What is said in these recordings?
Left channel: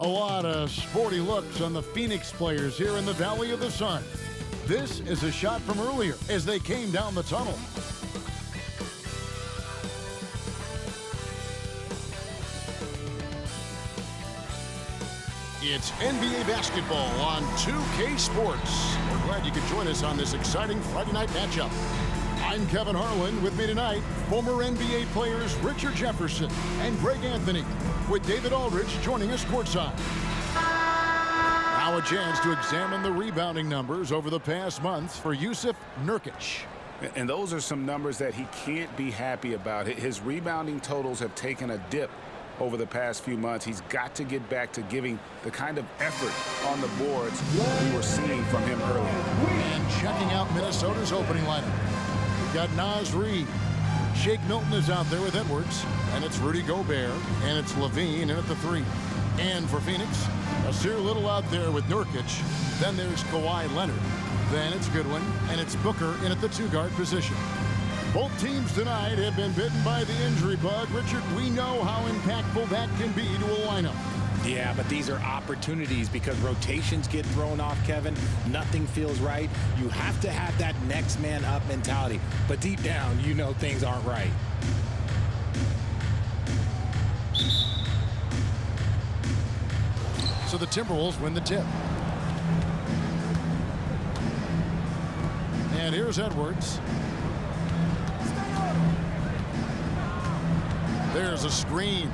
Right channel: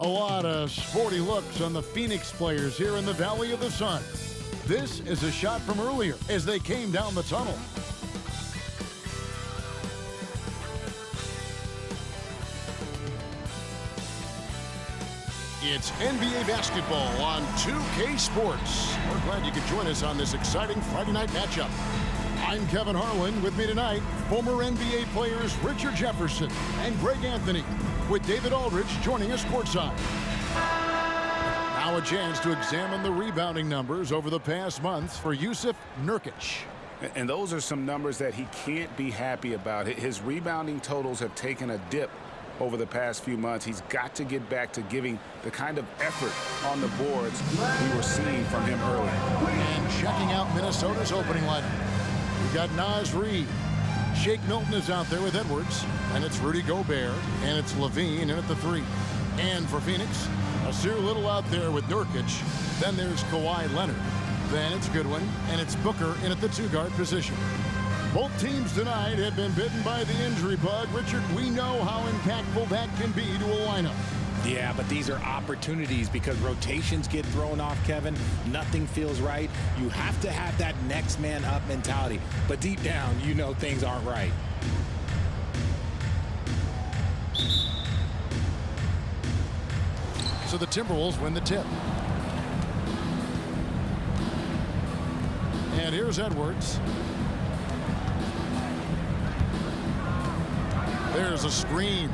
A lot of sporty looks on the Phoenix players here in the Valley of the Sun. This is a shot from earlier as they came down the tunnel. It's NBA basketball on 2K Sports. We're glad you could join us on this exciting Friday night matchup. I'm Kevin Harlan. With me tonight, former NBA players Richard Jefferson and Greg Anthony, with David Aldridge joining us courtside. Now a chance to examine the rebounding numbers over the past months for Jusuf Nurkic. And those are some numbers that he can't be happy about. His rebounding totals have taken a dip over the past few months. He's got to get back to giving the kind of effort on the boards we were seeing from him earlier. And checking out Minnesota's opening lineup, we've got Naz Reid. Shake Milton is out there with Edwards, and it's Rudy Gobert, and it's LaVine in at the 3. And for Phoenix, Nasir Little out there with Nurkic. Then there's Kawhi Leonard. Then it's Goodwin, and it's Booker in at the 2-guard position. Both teams tonight have been bitten by the injury bug. Richard, we know how impactful that can be to a lineup. Yeah, but these are opportunities because rotations get thrown off, Kevin. Nothing feels right. You have to have that next man up mentality. But deep down, you know things aren't right. So the Timberwolves win the tip. And here's Edwards. There's a screen.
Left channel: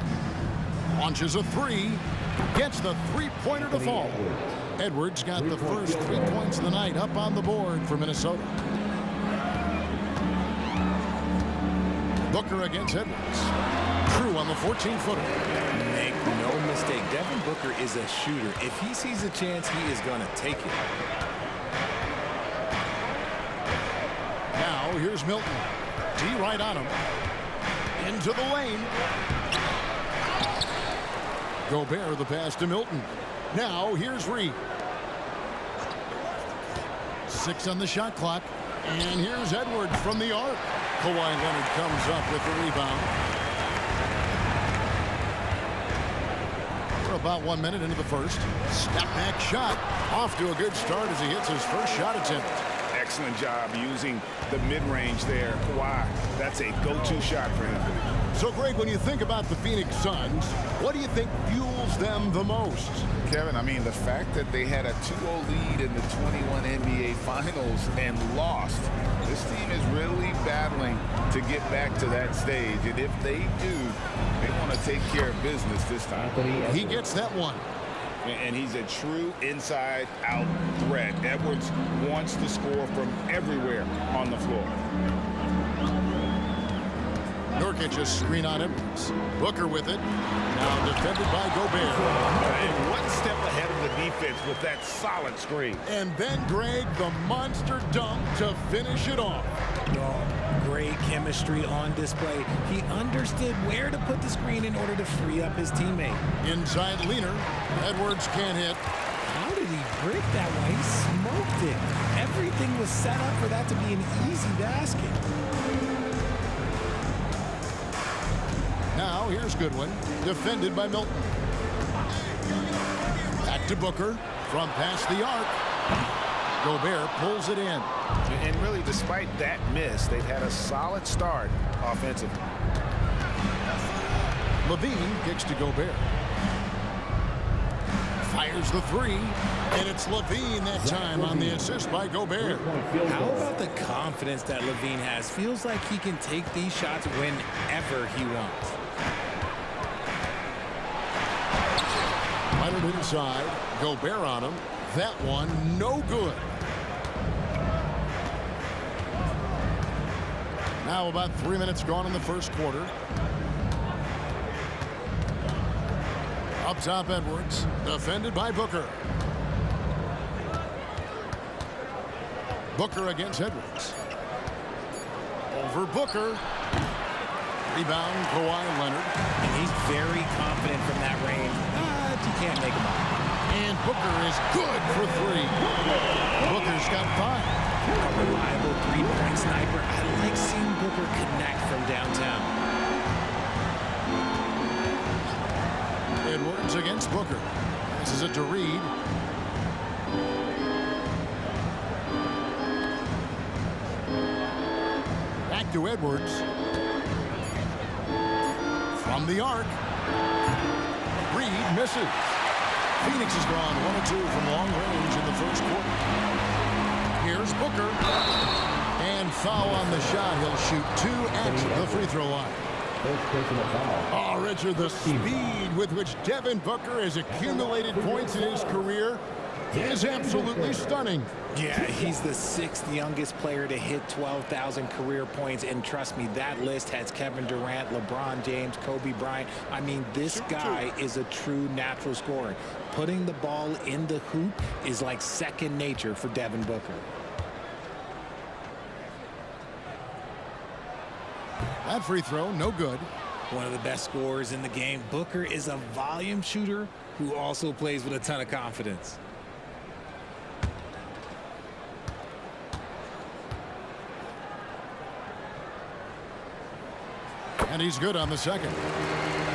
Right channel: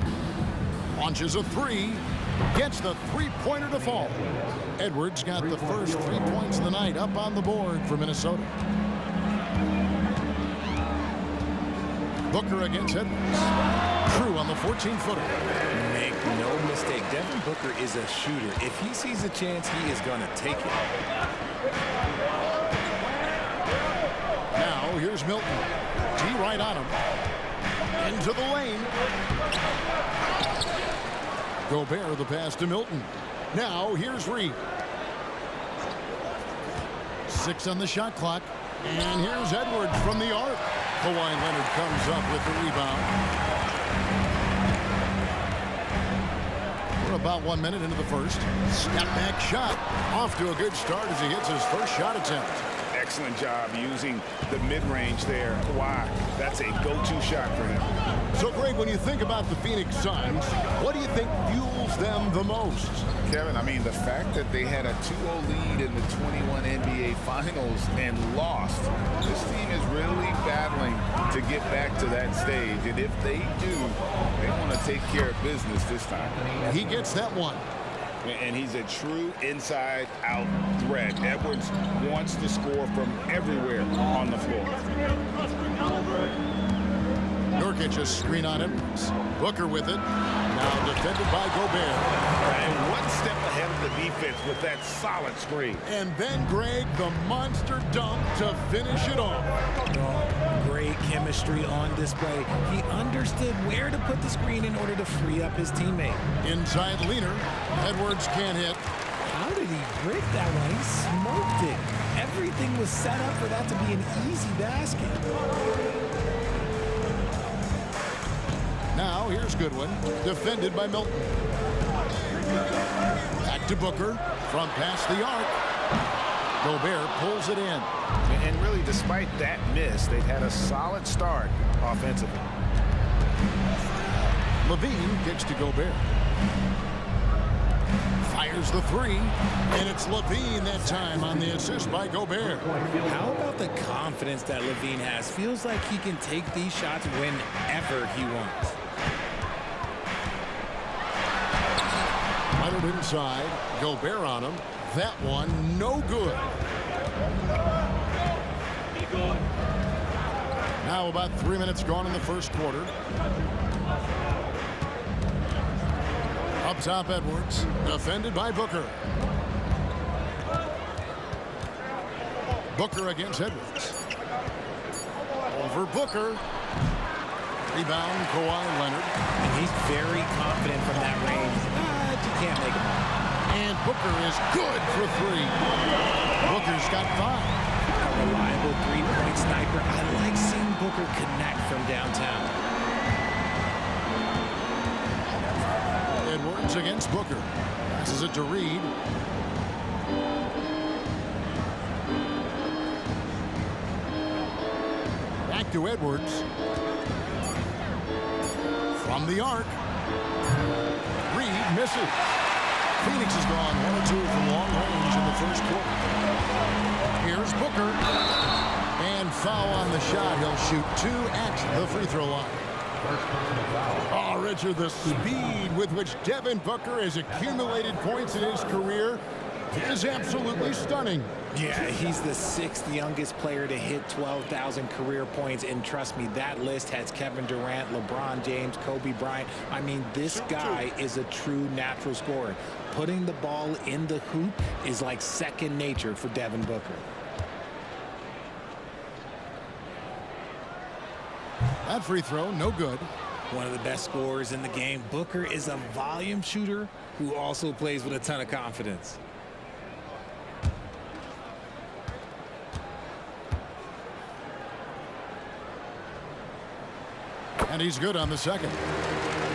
Launches a 3. Gets the three-pointer to fall. Edwards got the first 3 points of the night up on the board for Minnesota. Booker against Edwards. Crew on the 14-footer. Make no mistake, Devin Booker is a shooter. If he sees a chance, he is going to take it. Now here's Milton. D right on him. Into the lane. Gobert the pass to Milton. Now here's Reid. 6 on the shot clock. And here's Edwards from the arc. Kawhi Leonard comes up with the rebound. We're about 1 minute into the first. Step back shot. Off to a good start as he hits his first shot attempt. Excellent job using the mid-range there. Kawhi, that's a go-to shot for him. So, Greg, when you think about the Phoenix Suns, what do you think fuels them the most? Kevin, I mean, the fact that they had a 2-0 lead in the 21 NBA Finals and lost, this team is really battling to get back to that stage. And if they do, they want to take care of business this time. He gets that one. And he's a true inside-out threat. Edwards wants to score from everywhere on the floor. Nurkic a screen on Edwards. Booker with it. Now defended by Gobert. And one step ahead of the defense with that solid screen. And then, Greg, the monster dunk to finish it off. Oh, great chemistry on display. He understood where to put the screen in order to free up his teammate. Inside leaner. Edwards can't hit. How did he break that one? He smoked it. Everything was set up for that to be an easy basket. Now here's Goodwin, defended by Milton. Back to Booker from past the arc. Gobert pulls it in. And really, despite that miss, they've had a solid start offensively. LaVine kicks to Gobert. Fires the 3, and it's LaVine that time on the assist by Gobert. How about the confidence that LaVine has? Feels like he can take these shots whenever he wants. Leonard inside. Gobert on him. That one, no good. Now about 3 minutes gone in the first quarter. Up top, Edwards. Defended by Booker. Booker against Edwards. Over Booker. Rebound, Kawhi Leonard. And he's very confident from that range, but you can't make him all. And Booker is good for 3. Booker's got 5. A reliable three-point sniper. I like seeing Booker connect from downtown. Edwards against Booker. Passes it to Reed. Back to Edwards. From the arc. Reed misses. Phoenix has gone 1 of 2 from long range in the first quarter. Here's Booker. And foul on the shot. He'll shoot 2 at the free throw line. First personal foul. Oh, Richard, the speed with which Devin Booker has accumulated points in his career is absolutely stunning. Yeah, he's the 6th youngest player to hit 12,000 career points, and trust me, that list has Kevin Durant, LeBron James, Kobe Bryant. I mean, this guy is a true natural scorer. Putting the ball in the hoop is like second nature for Devin Booker. That free throw, no good. One of the best scorers in the game. Booker is a volume shooter who also plays with a ton of confidence. And he's good on the second.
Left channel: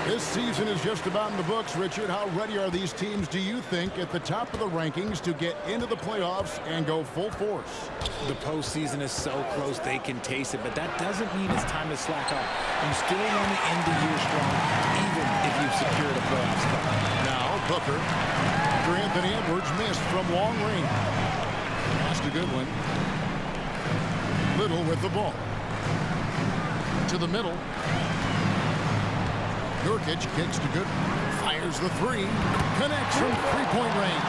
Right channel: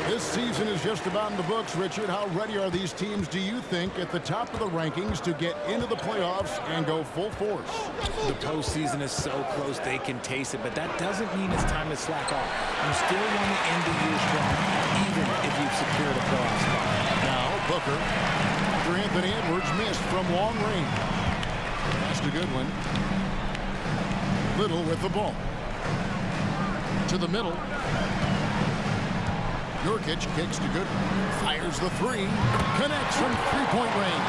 This season is just about in the books, Richard. How ready are these teams, do you think, at the top of the rankings to get into the playoffs and go full force? The postseason is so close they can taste it, but that doesn't mean it's time to slack off. You still want to end the year strong, even if you've secured a playoff spot. Now, Booker, after Anthony Edwards missed from long range. That's a good one. Little with the ball. To the middle. Nurkic kicks to good. Fires the three. Connects from three-point range.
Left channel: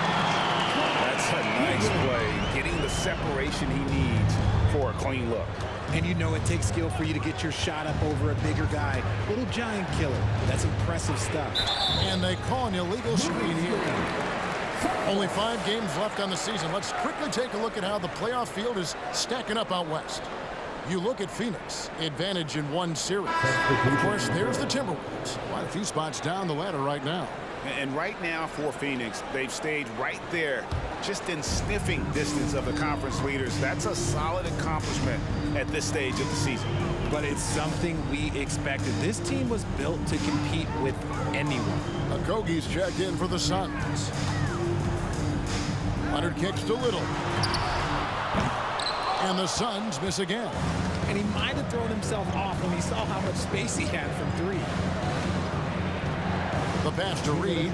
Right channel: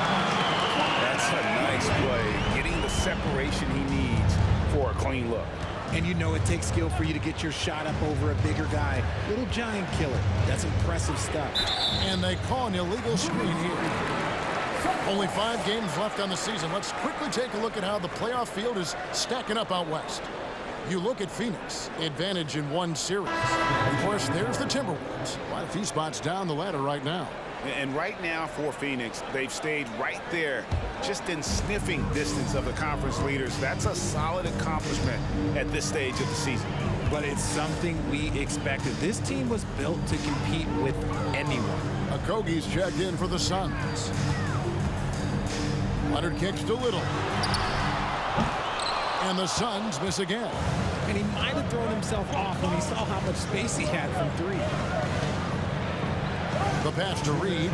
That's a nice play. Getting the separation he needs for a clean look. And you know it takes skill for you to get your shot up over a bigger guy. Little giant killer. That's impressive stuff. And they call an illegal screen here. Only 5 games left on the season. Let's quickly take a look at how the playoff field is stacking up out west. You look at Phoenix, advantage in 1 series. Of course, there's the Timberwolves. Quite a few spots down the ladder right now. And right now for Phoenix, they've stayed right there, just in sniffing distance of the conference leaders. That's a solid accomplishment at this stage of the season. But it's something we expected. This team was built to compete with anyone. Okogie's checked in for the Suns. Leonard kicks to Little. And the Suns miss again. And he might have thrown himself off when he saw how much space he had from 3. The pass to Reed.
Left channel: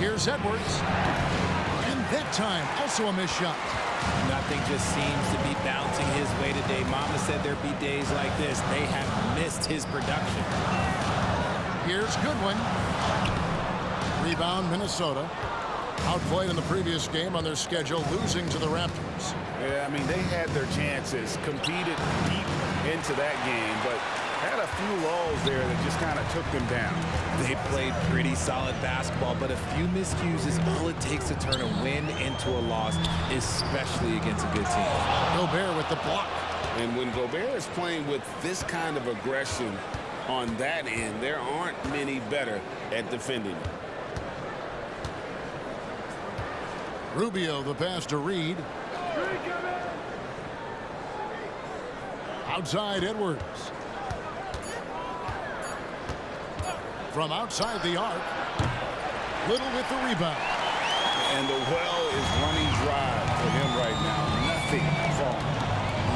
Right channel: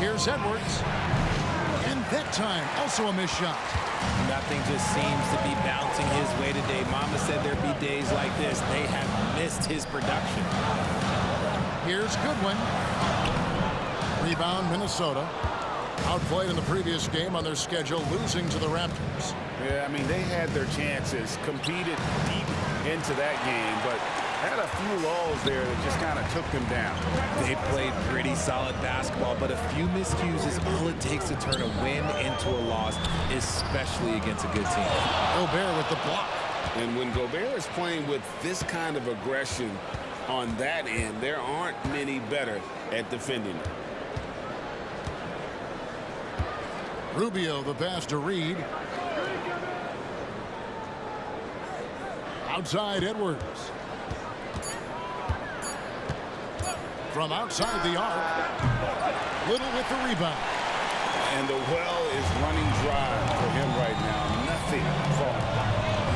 Here's Edwards. And that time, also a missed shot. Nothing just seems to be bouncing his way today. Mama said there'd be days like this. They have missed his production. Here's Goodwin. Rebound, Minnesota. Outplayed in the previous game on their schedule, losing to the Raptors. Yeah, I mean, they had their chances, competed deep into that game, but had a few lulls there that just kind of took them down. They played pretty solid basketball, but a few miscues is all it takes to turn a win into a loss, especially against a good team. Gobert with the block. And when Gobert is playing with this kind of aggression on that end, there aren't many better at defending it. Rubio, the pass to Reed. Outside Edwards. From outside the arc. Little with the rebound. And the well is running dry for him right now. Nothing falling.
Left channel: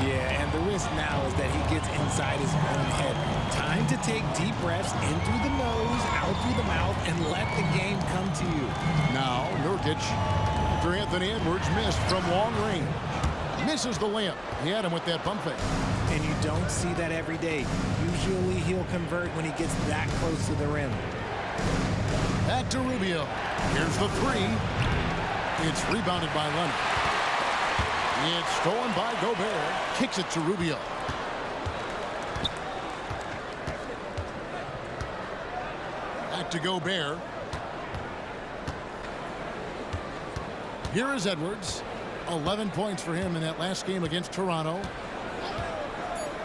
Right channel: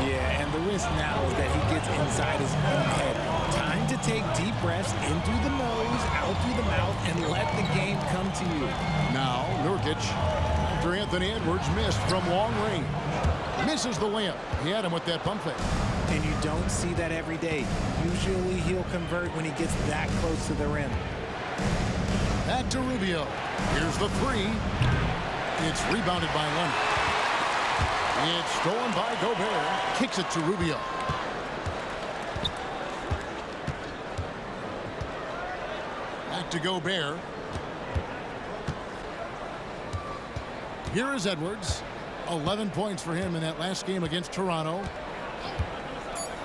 Yeah, and the risk now is that he gets inside his own head. Time to take deep breaths in through the nose, out through the mouth, and let the game come to you. Now, Nurkic, after Anthony Edwards missed from long range. Misses the layup. He had him with that pump fake. And you don't see that every day. Usually he'll convert when he gets that close to the rim. Back to Rubio. Here's the three. It's rebounded by Leonard. It's stolen by Gobert. Kicks it to Rubio. Back to Gobert. Here is Edwards. 11 points for him in that last game against Toronto.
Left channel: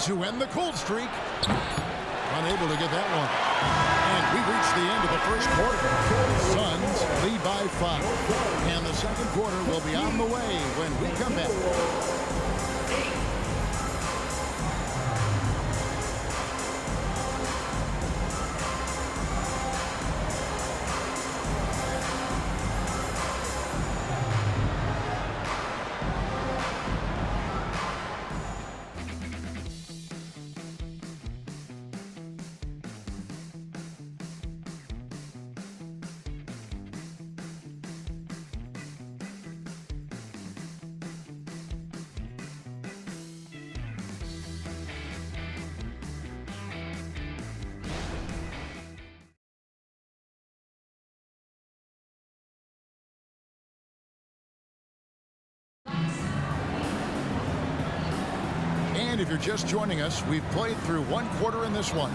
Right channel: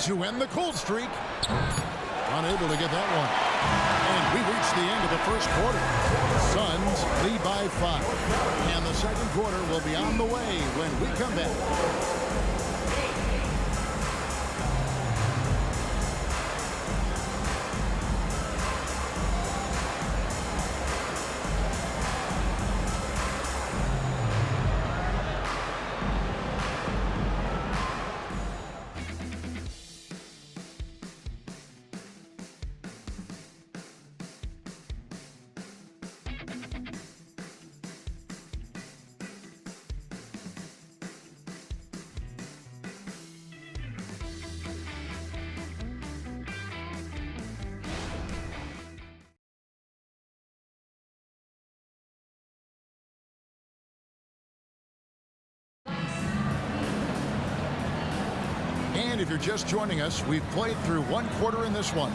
To end the cold streak. Unable to get that one. And we reach the end of the first quarter. Suns lead by 5. And the second quarter will be on the way when we come back. And if you're just joining us, we've played through one quarter in this one.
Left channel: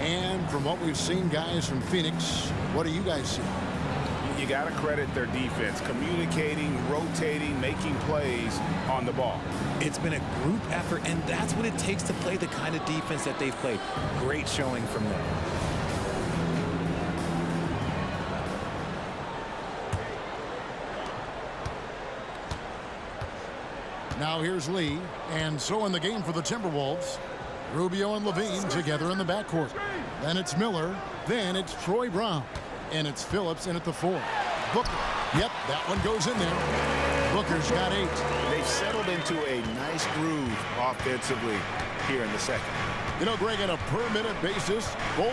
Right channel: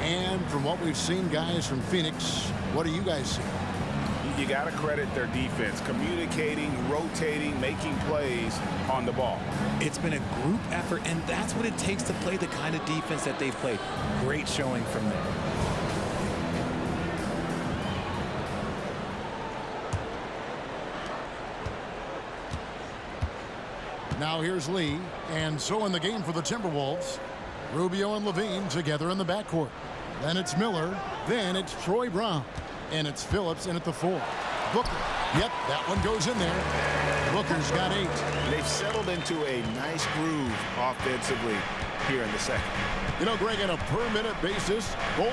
And from what we've seen, guys, from Phoenix, what do you guys see? You got to credit their defense, communicating, rotating, making plays on the ball. It's been a group effort, and that's what it takes to play the kind of defense that they've played. Great showing from them. Now here's Lee, and so in the game for the Timberwolves, Rubio and LaVine together in the backcourt. Then it's Miller, then it's Troy Brown, and it's Phillips in at the 4. Booker, yep, that one goes in there. Booker's got 8. They've settled into a nice groove offensively here in the second. You know, Greg, on a per-minute basis, Bol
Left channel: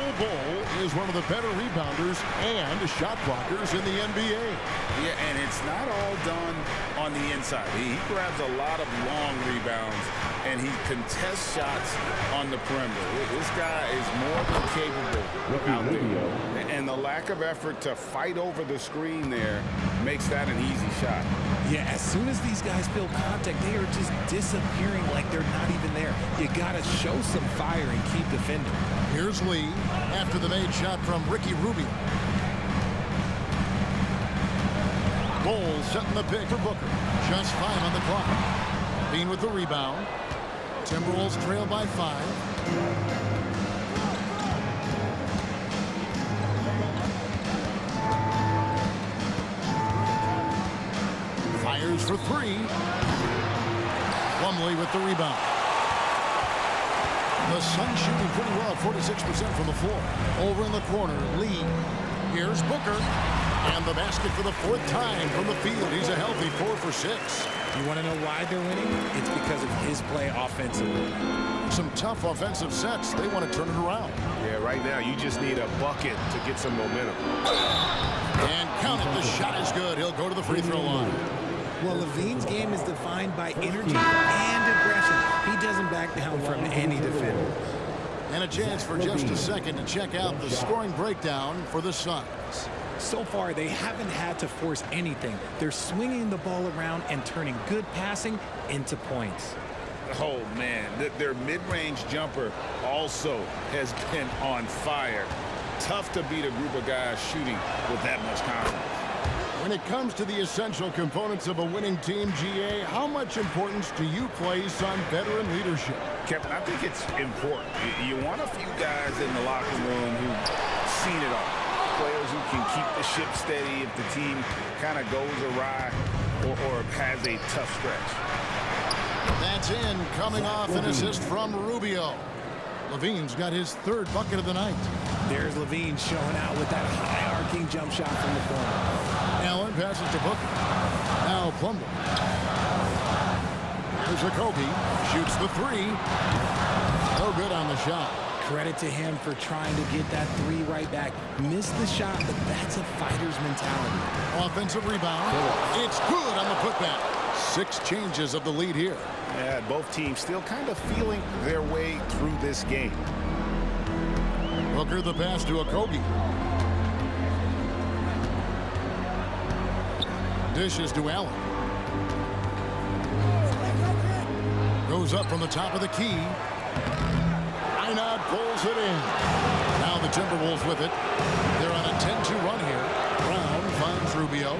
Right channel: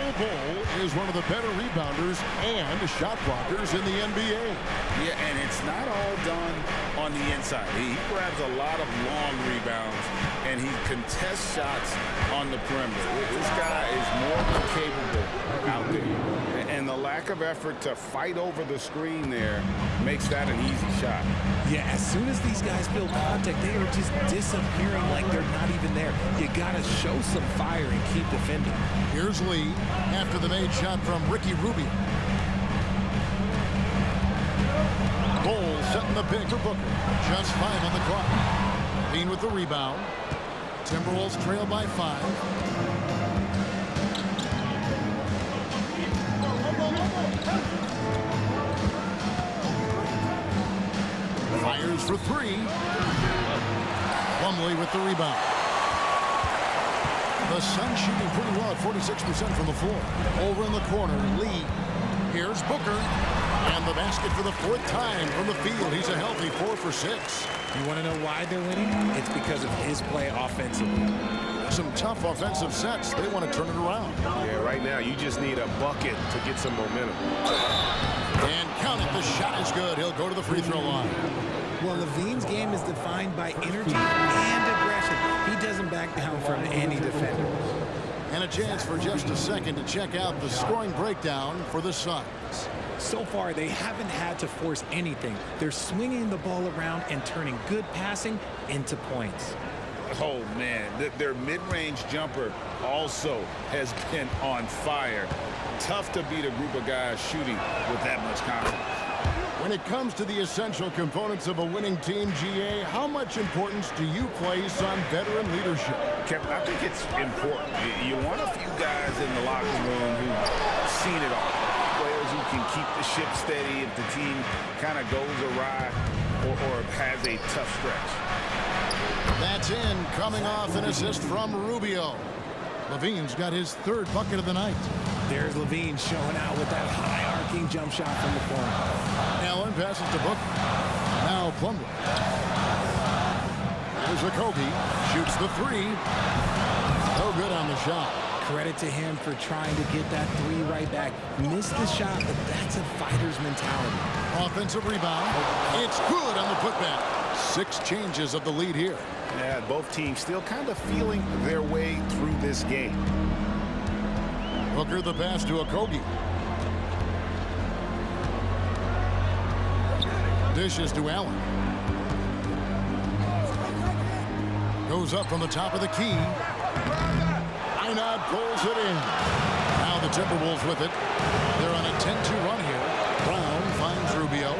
is one of the better rebounders and shot blockers in the NBA. Yeah, and it's not all done on the inside. He grabs a lot of long rebounds, and he contests shots on the perimeter. This guy is more than capable out there. And the lack of effort to fight over the screen there makes that an easy shot. Yeah, as soon as these guys feel contact, they are just disappearing like they're not even there. You got to show some fire and keep defending. Here's Lee after the made shot from Ricky Rubio. Bol setting the pick for Booker. Just 5 on the clock. Bean with the rebound. Timberwolves trail by 5. Fires for 3. Plumlee with the rebound. The Suns shooting pretty well at 46% from the floor. Over in the corner, Lee. Here's Booker. And the basket for the 4th time from the field. He's a healthy 4 for 6. You want to know why they're winning? It's because of his play offensively. Some tough offensive sets. They want to turn it around. Yeah, right now you just need a bucket to get some momentum. And count it. The shot is good. He'll go to the free throw line. Well, LaVine's game is defined by energy and aggression. He doesn't back down from any defender. And a chance for just a second to check out the scoring breakdown for the Suns. So far, they haven't had to force anything. They're swinging the ball around and turning good passing into points. Oh, man, their mid-range jumper also has been on fire. Tough to beat a group of guys shooting with that much confidence. When it comes to the essential components of a winning team, GA, how much importance do you place on veteran leadership? Kevin, I think it's important. You want a few guys in the locker room who've seen it all. Players who can keep the ship steady if the team kind of goes awry or has a tough stretch. That's in, coming off an assist from Rubio. LaVine's got his 3rd bucket of the night. There's LaVine showing out with that high-arcing jump shot from the corner. Allen passes to Booker. Now Plumlee. Here's Okogie. Shoots the 3. No good on the shot. Credit to him for trying to get that 3 right back. Missed the shot, but that's a fighter's mentality. Offensive rebound. It's good on the putback. 6 changes of the lead here. Yeah, both teams still kind of feeling their way through this game. Booker the pass to Okogie. Dishes to Allen. Goes up from the top of the key. Einad pulls it in. Now the Timberwolves with it. They're on a 10-2 run here. Brown finds Rubio.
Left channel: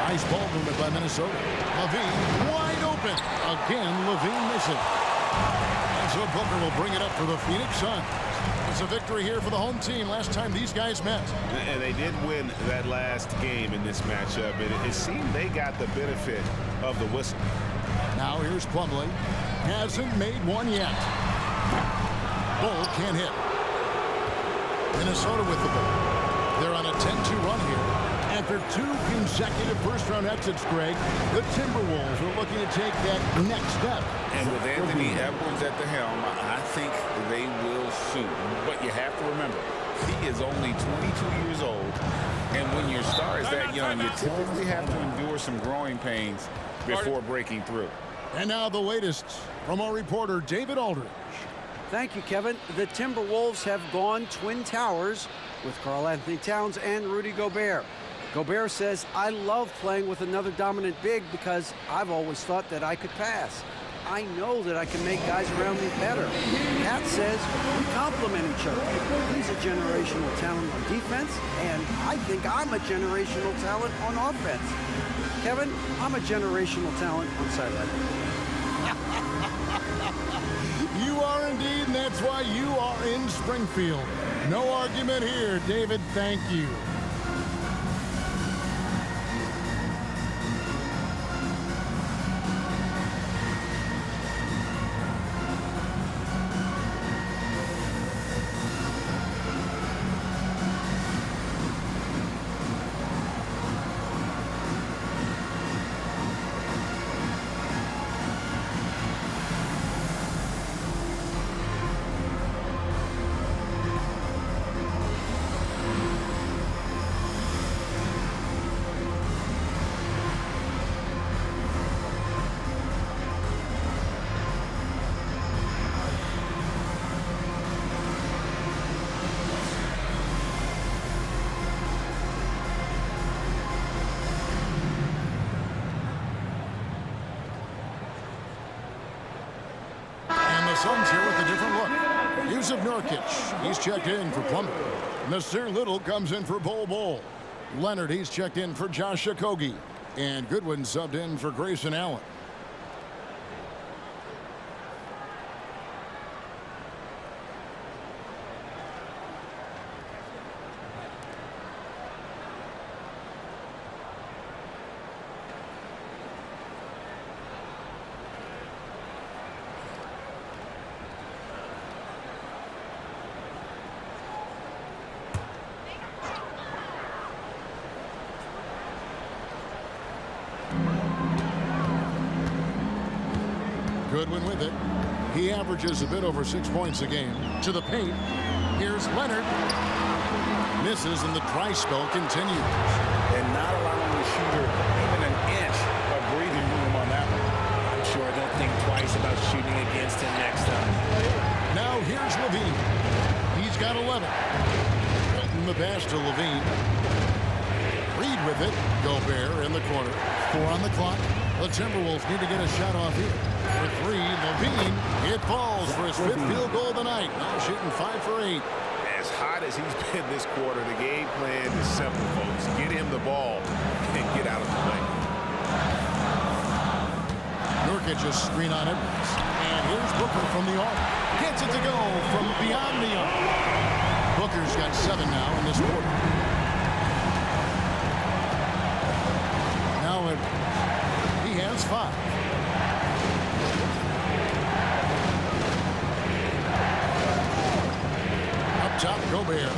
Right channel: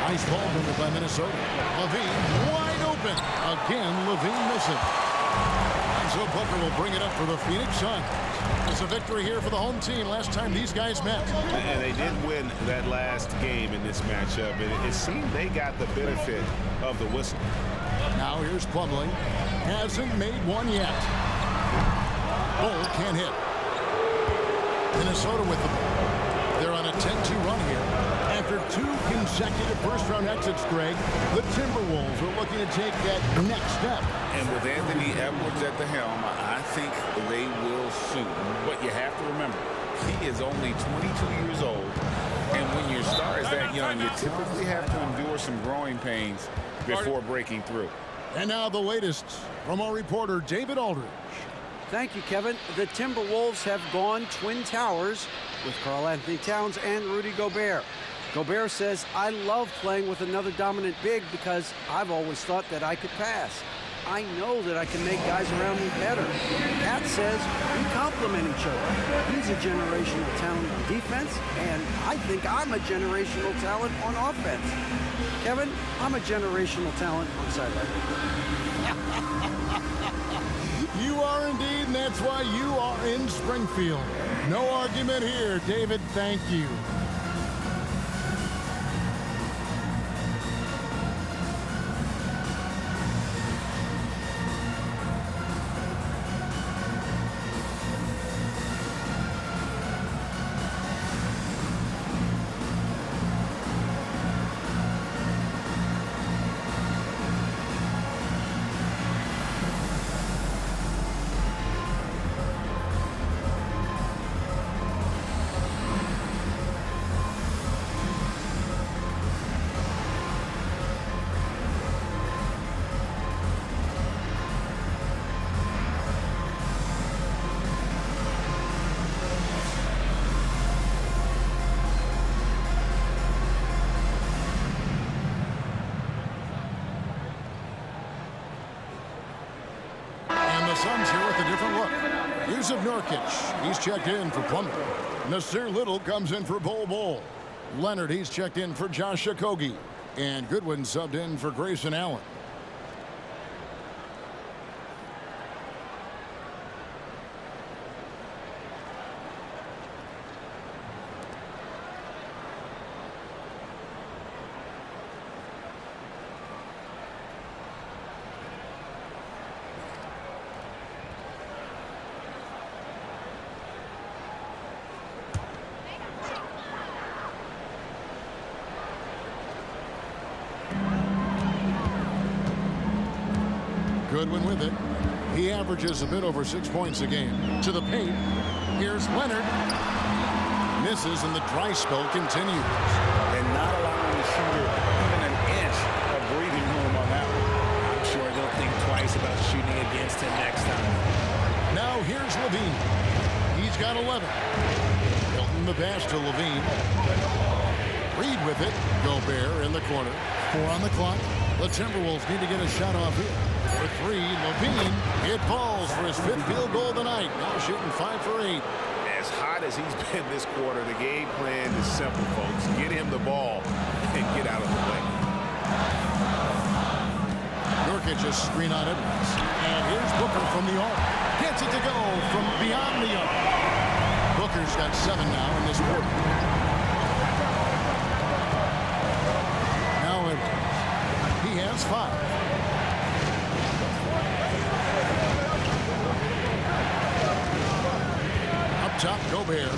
Nice ball movement by Minnesota. LaVine wide open. Again, LaVine missing. And so Booker will bring it up for the Phoenix Suns. It's a victory here for the home team last time these guys met. And they did win that last game in this matchup. It seemed they got the benefit of the whistle. Now here's Plumlee. Hasn't made one yet. Bol can't hit. Minnesota with the ball. They're on a 10-2 run here. After 2 consecutive first-round exits, Greg, the Timberwolves are looking to take that next step. And with Anthony Edwards at the helm, I think they will soon. But you have to remember, he is only 22 years old. And when your star is that young, you typically have to endure some growing pains before breaking through. And now the latest from our reporter, David Aldridge. Thank you, Kevin. The Timberwolves have gone Twin Towers with Karl-Anthony Towns and Rudy Gobert. Gobert says, I love playing with another dominant big because I've always thought that I could pass. I know that I can make guys around me better. Cat says we complement each other. He's a generational talent on defense, and I think I'm a generational talent on offense. Kevin, I'm a generational talent on sideline. You are indeed, and that's why you are in Springfield. No argument here, David. Thank you. The Suns here with a different look. Yusuf Nurkic, he's checked in for Plummer. Nasir Little comes in for Bol Bol. Leonard, he's checked in for Josh Okogie. And Goodwin subbed in for Grayson Allen. Goodwin with it. He averages a bit over 6 points a game. To the paint. Here's Leonard. Misses, and the dry spell continues. And not allowing the shooter even an inch of breathing room on that one. I'm sure they'll think twice about shooting against him next time. Now here's Levine. He's got 11. Hilton the pass to Levine. Reed with it. Gobert in the corner. 4 on the clock. The Timberwolves need to get a shot off here. For 3, Levine. It falls for his 5th field goal tonight. Now shooting 5 for 8. As hot as he's been this quarter, the game plan is simple, folks. Get him the ball and get out of the way. Nurkic just screen on Edwards. And here's Booker from the arc. Gets it to go from beyond the arc. Booker's got 7 now in this quarter. Now Edwards. He has 5. Up top, Gobert.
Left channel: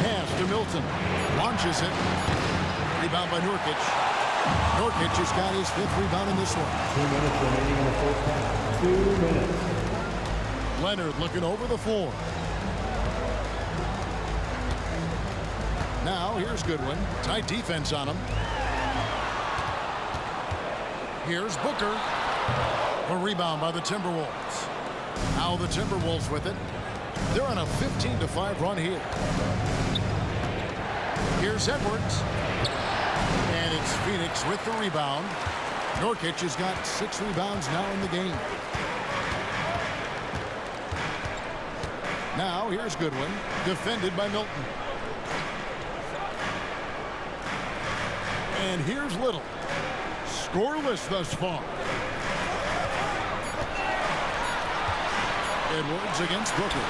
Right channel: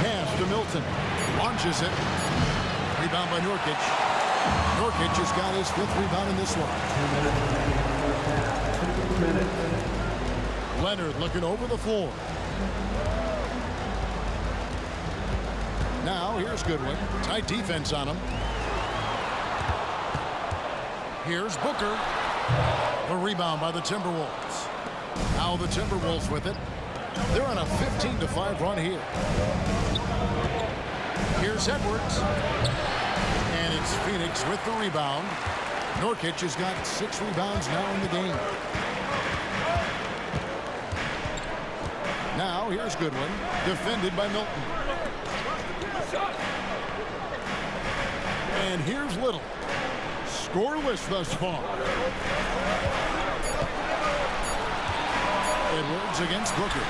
Pass to Milton. Launches it. Rebound by Nurkic. Nurkic has got his 5th rebound in this one. 2 minutes remaining in the first half. 2 minutes. Leonard looking over the floor. Now, here's Goodwin. Tight defense on him. Here's Booker. A rebound by the Timberwolves. Now the Timberwolves with it. They're on a 15-5 run here. Here's Edwards. And it's Phoenix with the rebound. Nurkic has got 6 rebounds now in the game. Now, here's Goodwin. Defended by Milton. And here's Little. Scoreless thus far. Edwards against Booker.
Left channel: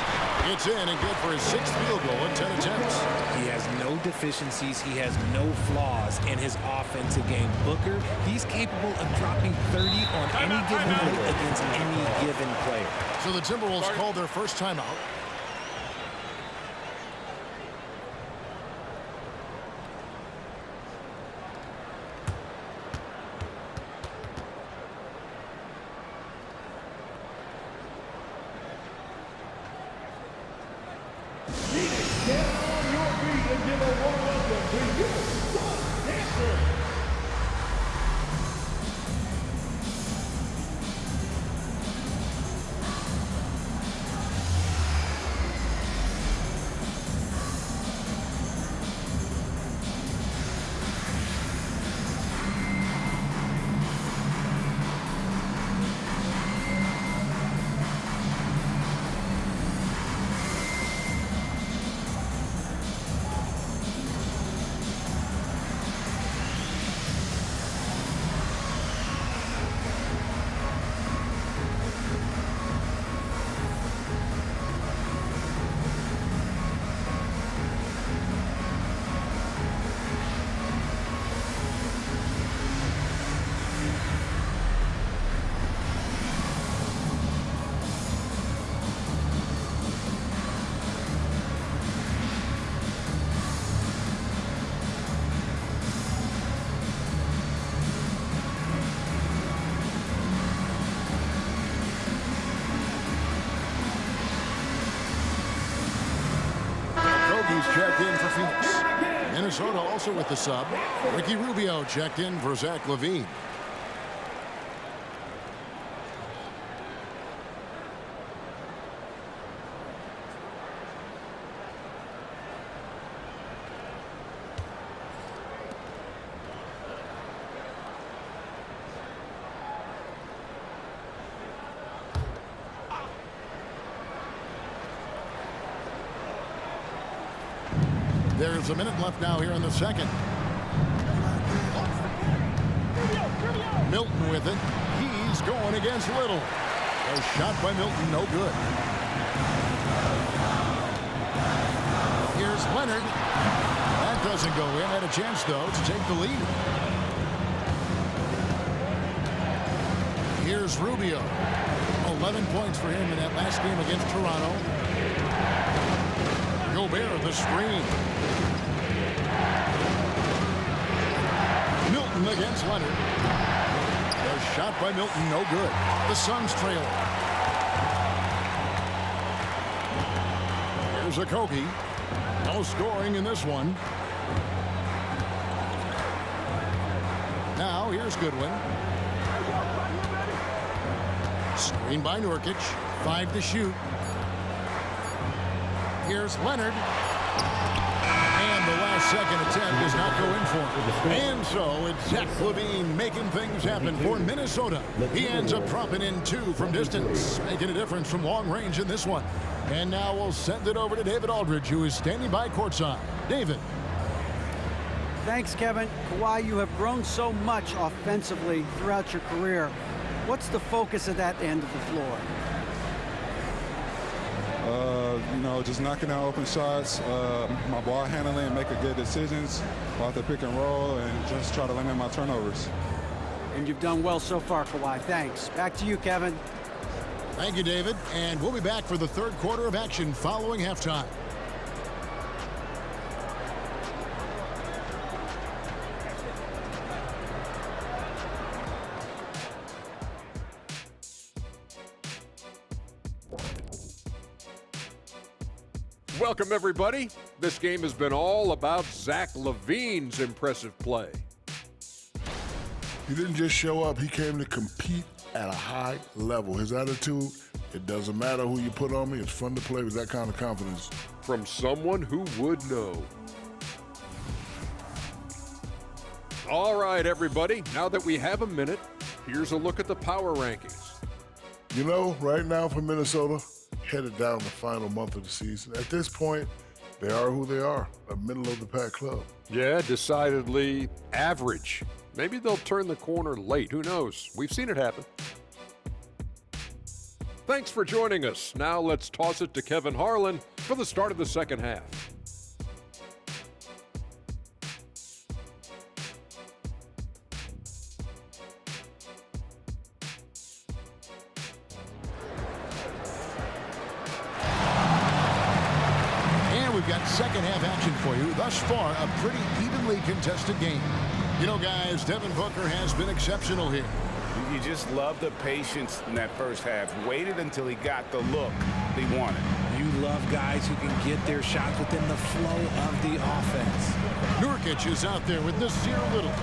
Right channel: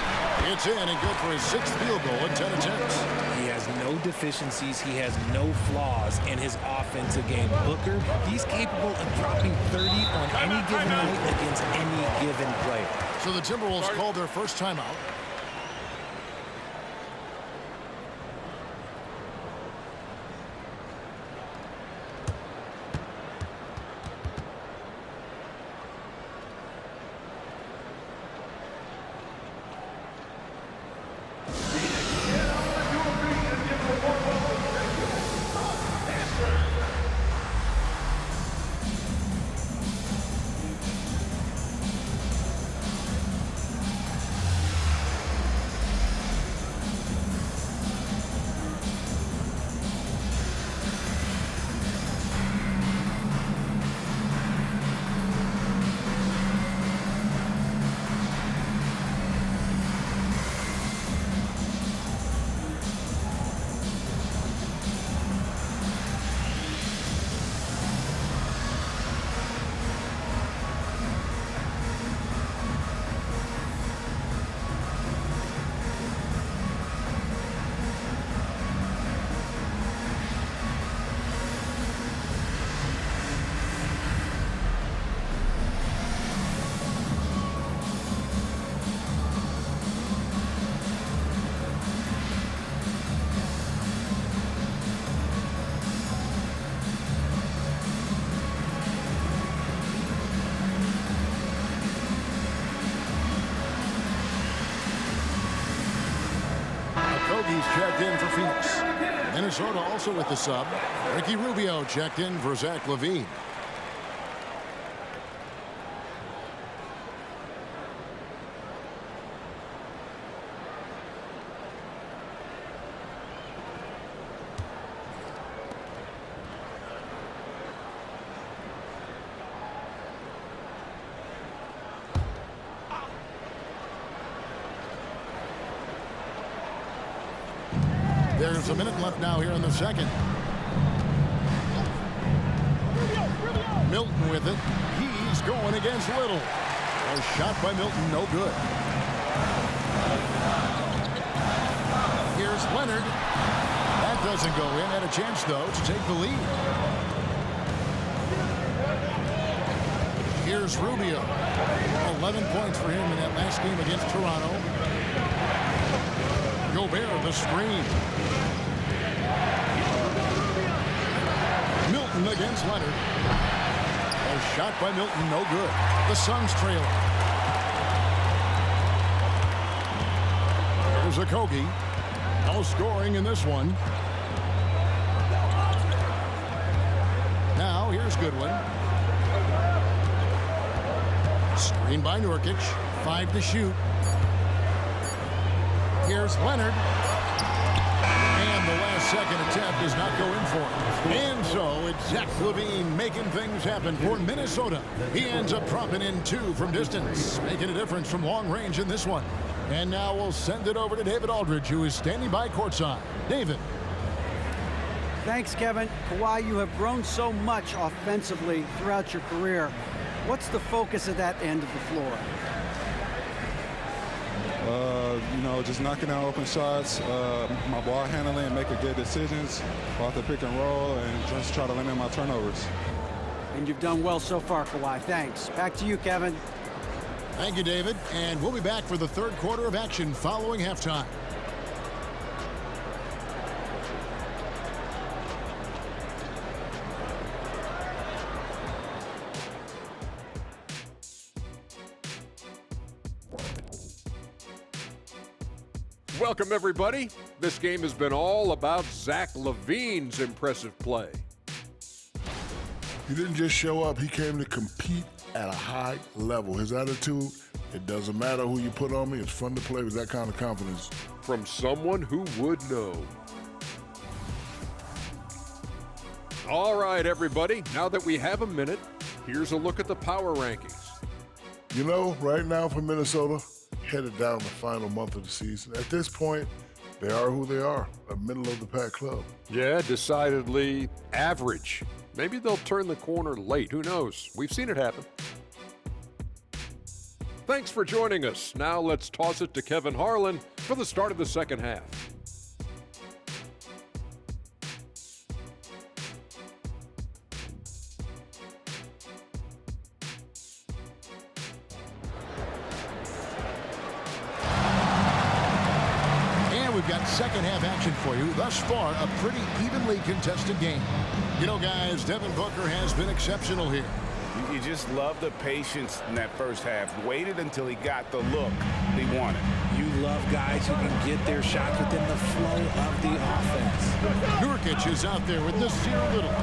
It's in and good for his 6th field goal in 10 attempts. He has no deficiencies. He has no flaws in his offensive game. Booker, he's capable of dropping 30 on any given night against any given player. So the Timberwolves called their first timeout. Okogie's checked in for Phoenix. Minnesota also with the sub. Ricky Rubio checked in for Zach LaVine. There's a minute left now here in the second. Milton with it. He's going against Little. A shot by Milton, no good. Here's Leonard. That doesn't go in. Had a chance, though, to take the lead. Here's Rubio. 11 points for him in that last game against Toronto. Gobert, the screen. Milton against Leonard. A shot by Milton, no good. The Suns trailing. Here's Okogie. No scoring in this one. Now here's Goodwin. Screen by Nurkic. 5 to shoot. Here's Leonard. And the last second attempt does not go in for him. And so it's Zach LaVine making things happen for Minnesota. He ends up dropping in 2 from distance, making a difference from long range in this one. And now we'll send it over to David Aldridge, who is standing by courtside. David. Thanks, Kevin. Kawhi, you have grown so much offensively throughout your career. What's the focus at that end of the floor? Just knocking down open shots, my ball handling, making good decisions off the pick and roll, and just try to limit my turnovers. And you've done well so far, Kawhi. Thanks. Back to you, Kevin. Thank you, David. And we'll be back for the third quarter of action following halftime. Welcome, everybody. This game has been all about Zach LaVine's impressive play. He didn't just show up. He came to compete at a high level. His attitude, it doesn't matter who you put on me. It's fun to play with that kind of confidence. From someone who would know. All right, everybody. Now that we have a minute, here's a look at the power rankings. You know, right now for Minnesota, headed down the final month of the season. At this point, they are who they are, a middle-of-the-pack club. Yeah, decidedly average. Maybe they'll turn the corner late. Who knows? We've seen it happen. Thanks for joining us. Now let's toss it to Kevin Harlan for the start of the second half. We've got second half action for you. Thus far, a pretty evenly contested game. You know, guys, Devin Booker has been exceptional here. You just love the patience in that first half. Waited until he got the look he wanted. You love guys who can get their shots within the flow of the offense. Nurkic is out there with Nasir Little.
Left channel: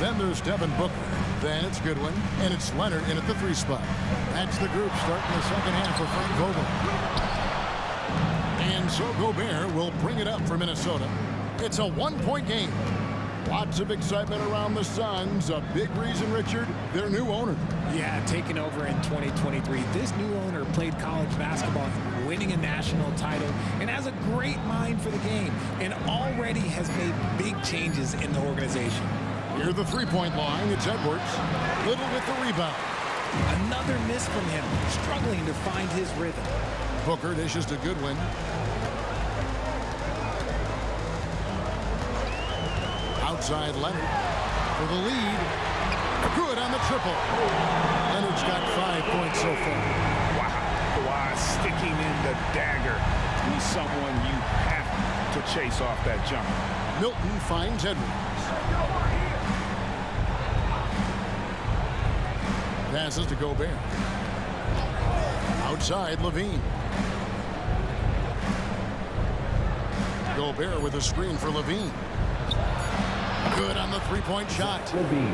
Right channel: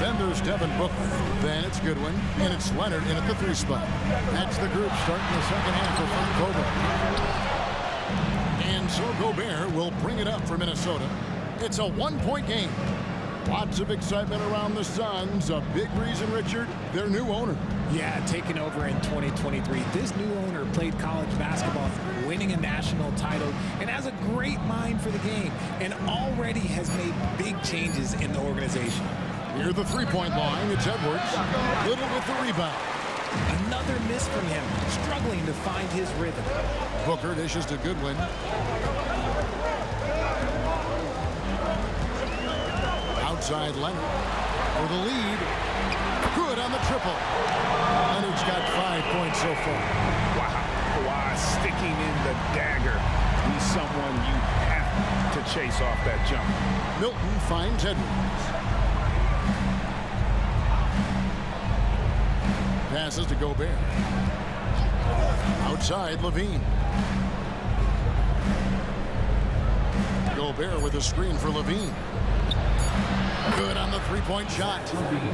Then there's Devin Booker. Then it's Goodwin. And it's Leonard in at the 3 spot. That's the group starting the second half for Frank Vogel. And so Gobert will bring it up for Minnesota. It's a 1-point game. Lots of excitement around the Suns. A big reason, Richard, their new owner. Yeah, taking over in 2023. This new owner played college basketball, winning a national title, and has a great mind for the game, and already has made big changes in the organization. Near the 3-point line, it's Edwards. Little with the rebound. Another miss from him, struggling to find his rhythm. Booker dishes to Goodwin. Outside Leonard for the lead. Good on the triple. Leonard's got 5 points so far. Wow. Kawhi sticking in the dagger. He's someone you have to chase off that jumper. Milton finds Edwards. Passes to Gobert. Outside LaVine. Gobert with a screen for Levine. Good on the three-point shot.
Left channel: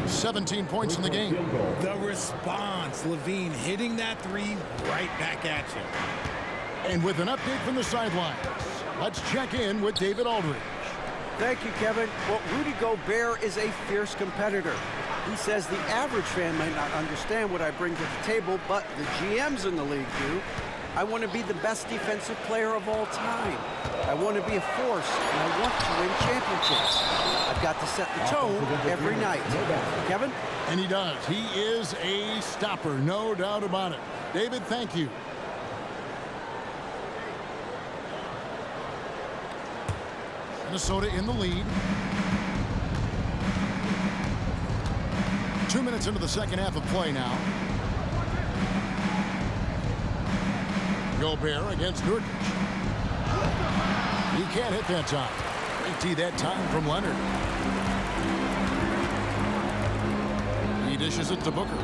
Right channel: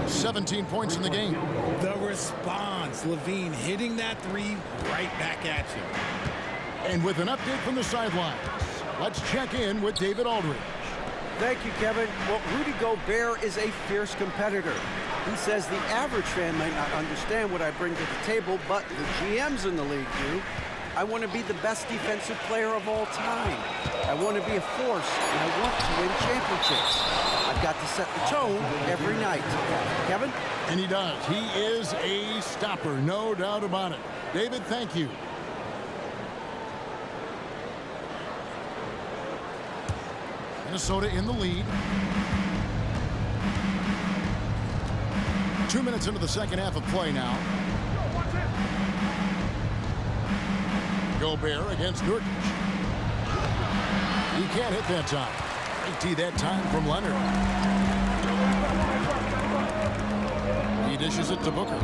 17 points in the game. The response, Levine hitting that three right back at you. And with an update from the sidelines, let's check in with David Aldridge. Thank you, Kevin. Well, Rudy Gobert is a fierce competitor. He says the average fan might not understand what I bring to the table, but the GMs in the league do. I want to be the best defensive player of all time. I want to be a force, and I want to win championships. I've got to set the tone every night. Kevin? And he does. He is a stopper, no doubt about it. David, thank you. Minnesota in the lead. 2 minutes into the second half of play now. Gobert against Nurkic. He can't hit that time. Great tee that time from Leonard. He dishes it to Booker.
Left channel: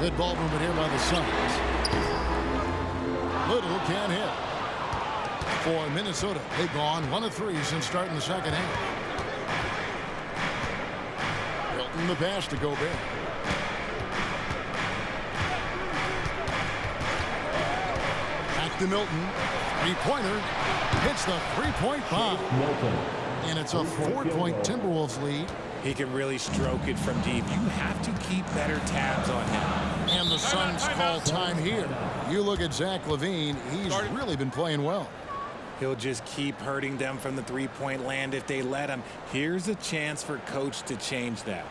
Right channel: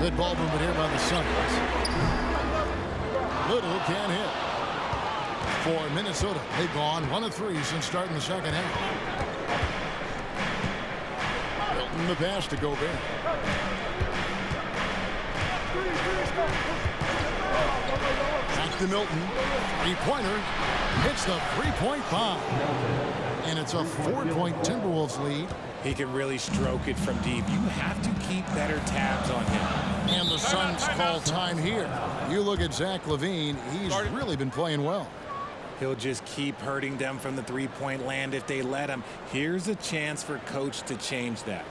Good ball movement here by the Suns. Little can't hit. For Minnesota, they've gone 1 of 3 since starting the second half. Milton the pass to Gobert. Back to Milton. Three-pointer. Hits the three-point bomb. And it's a 4-point Timberwolves lead. He can really stroke it from deep. You have to keep better tabs on him. And the Suns call time here. You look at Zach LaVine. He's really been playing well. He'll just keep hurting them from the three-point land if they let him. Here's a chance for coach to change that.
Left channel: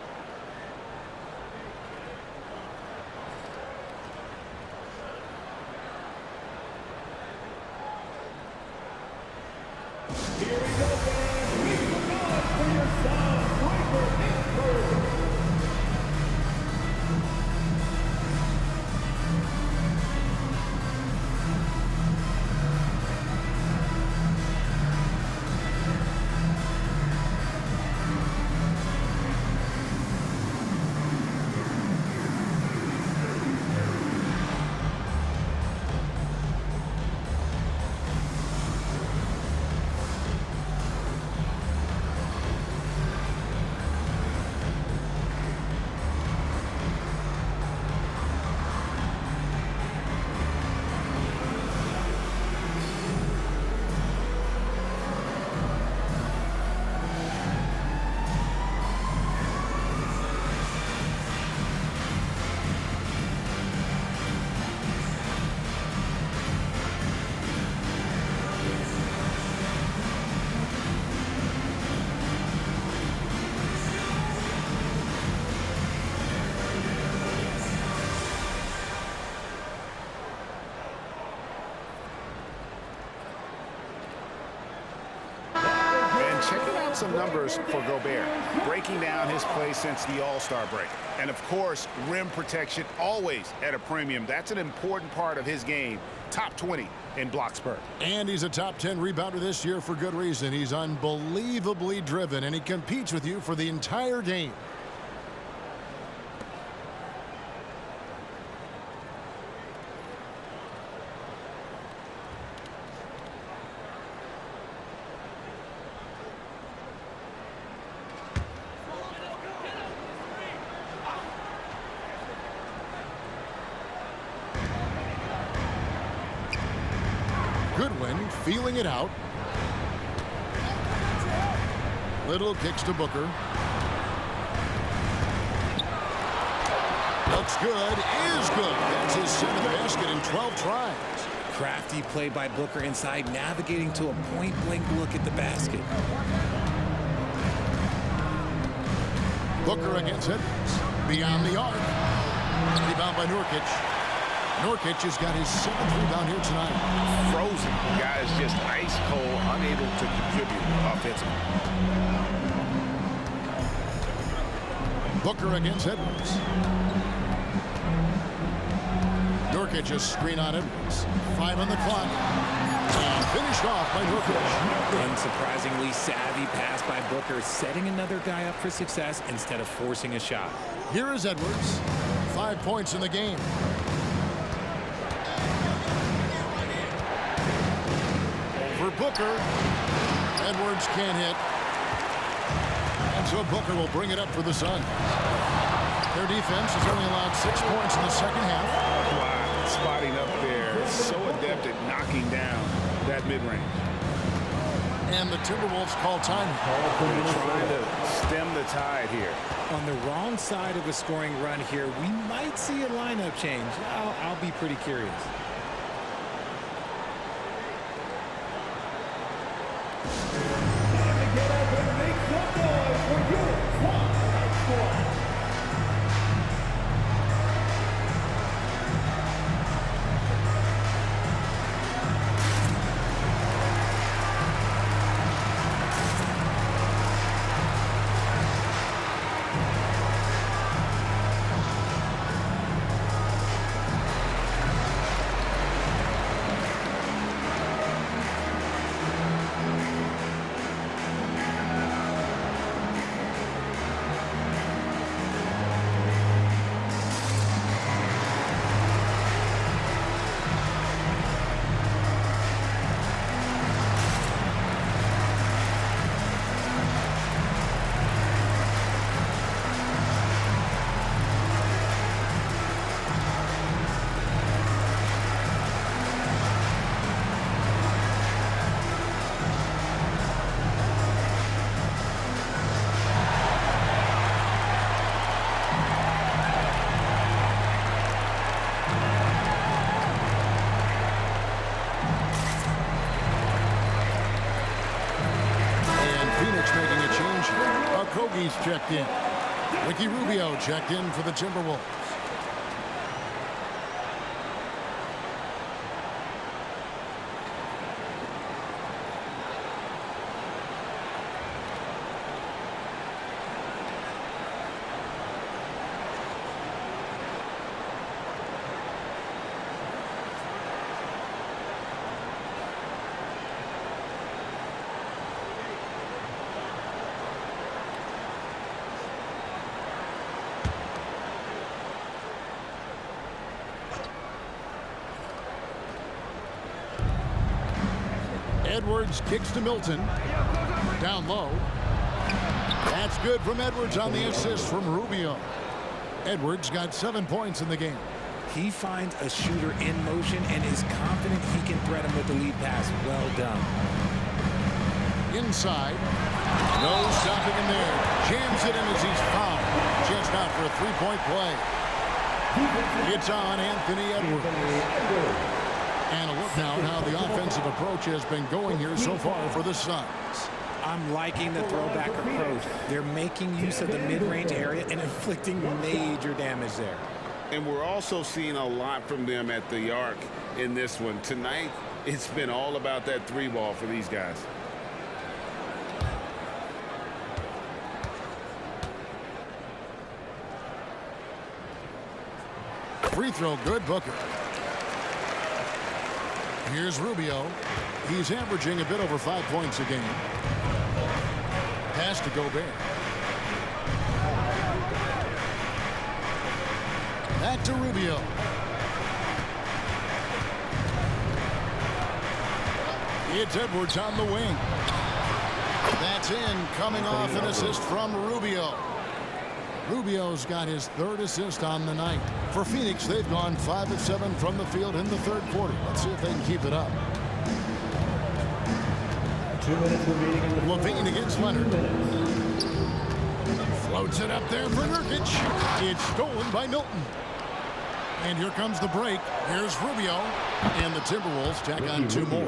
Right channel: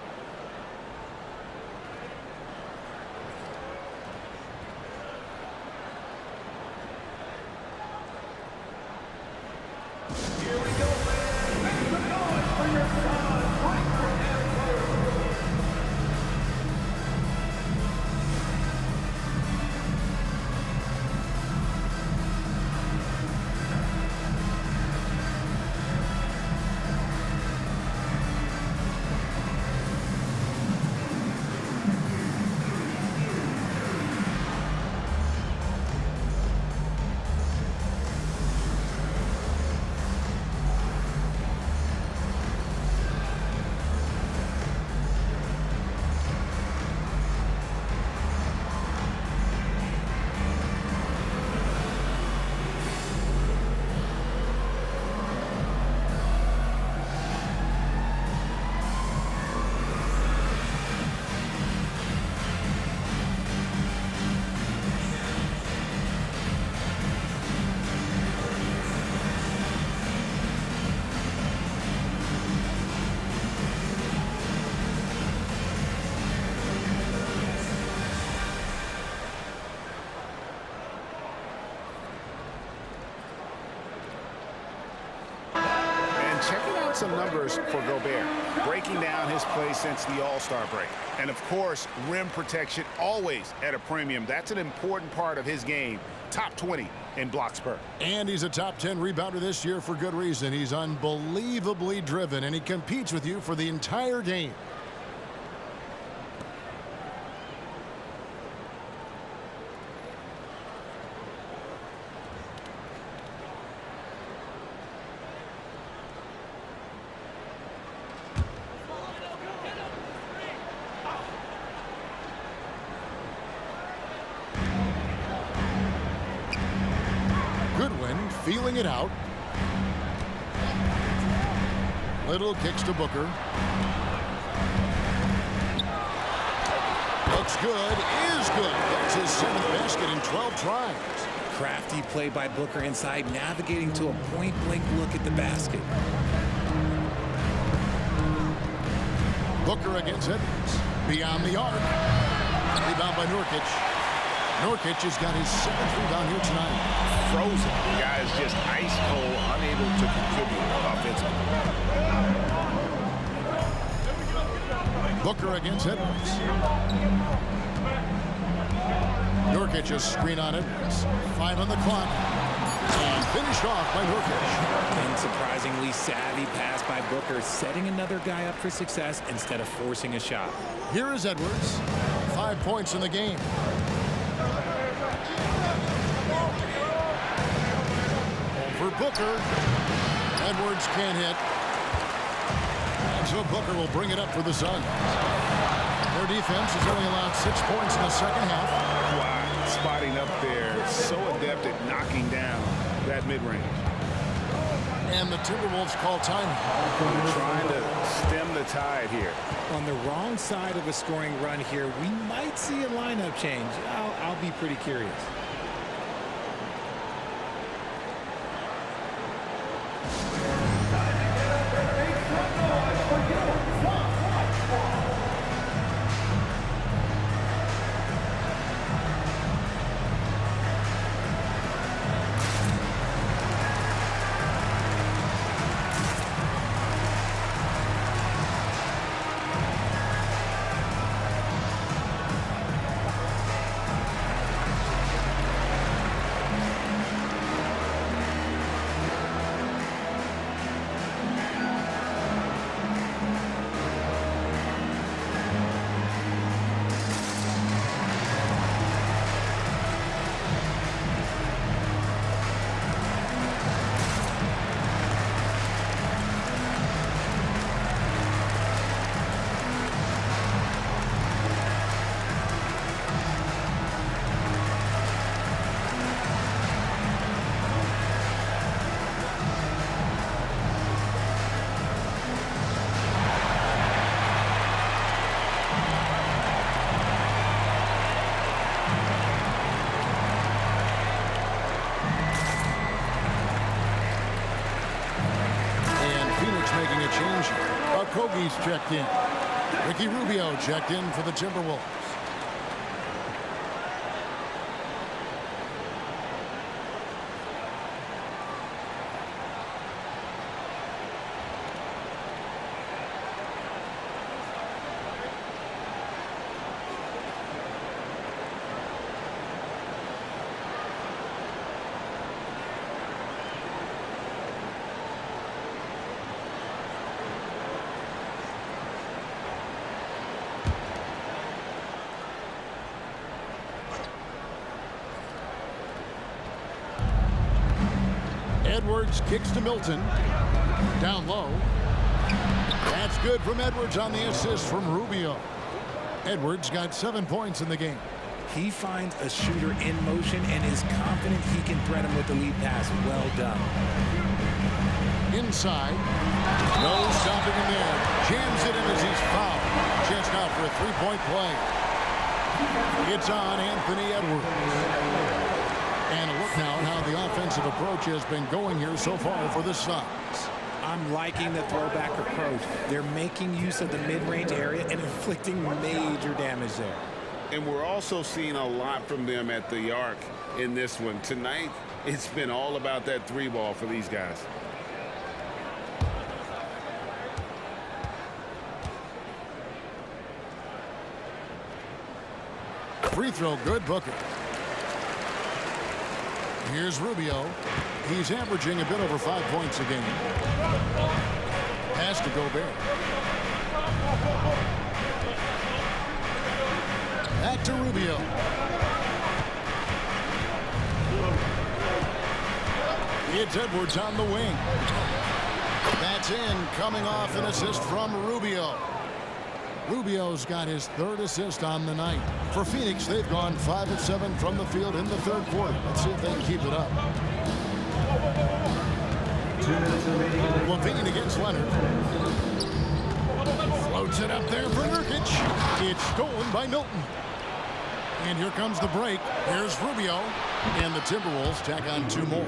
Checking out some numbers for Gobert, breaking down his play since the All-Star break. And, of course, rim protection always at a premium. That's an important part of his game. Top 20 in blocks per. And he's a top 10 rebounder this year for good reason. He's unbelievably driven, and he competes with you for the entire game. Goodwin feeling it out. Little kicks to Booker. Looks good, is good. That's his 7th basket in 12 tries. Crafty play by Booker inside, navigating to a point-blank look at the basket. Booker against Edwards. Beyond the arc. Rebound by Nurkic. Nurkic has got his 7th rebound here tonight. Frozen. The guy is just ice cold, unable to contribute offensively. Booker against Edwards. Nurkic a screen on Edwards. 5 on the clock. And finished off by Nurkic. Unsurprisingly savvy pass by Booker, setting another guy up for success instead of forcing a shot. Here is Edwards. 5 points in the game. Booker. Edwards can't hit. And so Booker will bring it up for the Suns. Their defense has only allowed 6 points in the second half. Wow, spotting up there. So adept at knocking down that mid-range. And the Timberwolves call timing. They're trying to stem the tide here. On the wrong side of a scoring run here, we might see a lineup change. I'll be pretty curious. Phoenix making a change here. Okogie's checked in. Ricky Rubio checked in for the Timberwolves. Edwards kicks to Milton. Down low. That's good from Edwards on the assist from Rubio. Edwards got 7 points in the game. He finds a shooter in motion and is confident he can threat him with the lead pass. Well done. Inside. No stopping him there. Jams it in as he's fouled. Chance now for a three-point play. It's on Anthony Edwards. And a look now at how the offensive approach has been going here so far for the Suns. I'm liking the throwback approach. They're making use of the mid-range area and inflicting major damage there. And we're also seeing a lot from them at the arc in this one. Tonight, it's been all about that three ball for these guys. Free throw good, Booker. Here's Rubio. He's averaging a bit over 5 points a game. Pass to Gobert. Back to Rubio. It's Edwards on the wing. That's in, coming off an assist from Rubio. Rubio's got his third assist on the night. For Phoenix, they've gone 5 of 7 from the field in the third quarter. Let's see if they can keep it up. 2 minutes remaining in the LaVine against Leonard. Floats it up there for Nurkic. It's stolen by Milton. And here comes the break. Here's Rubio. And the Timberwolves tack on 2 more.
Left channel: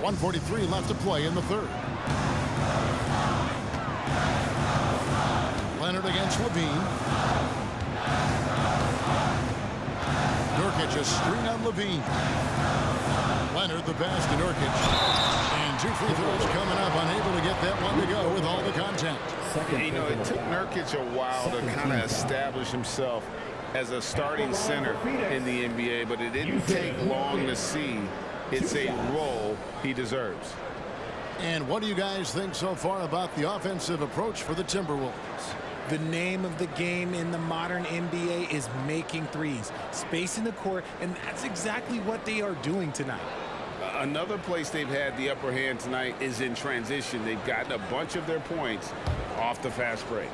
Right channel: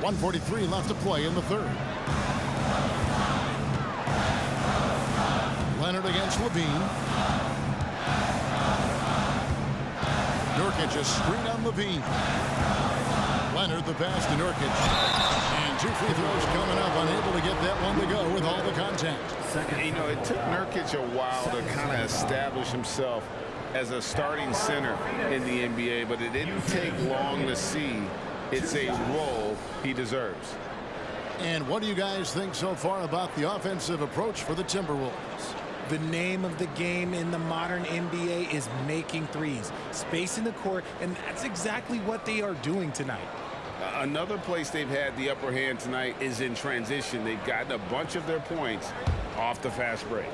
1:43 left to play in the third. Leonard against LaVine. Nurkic, a screen on LaVine. Leonard the pass to Nurkic. And 2 free throws coming up. Unable to get that one to go with all the contact. You know, it took Nurkic a while to kind of establish himself as a starting center in the NBA, but it didn't take long to see it's a role he deserves. And what do you guys think so far about the offensive approach for the Timberwolves? The name of the game in the modern NBA is making threes, spacing the court, and that's exactly what they are doing tonight. Another place they've had the upper hand tonight is in transition. They've gotten a bunch of their points off the fast break.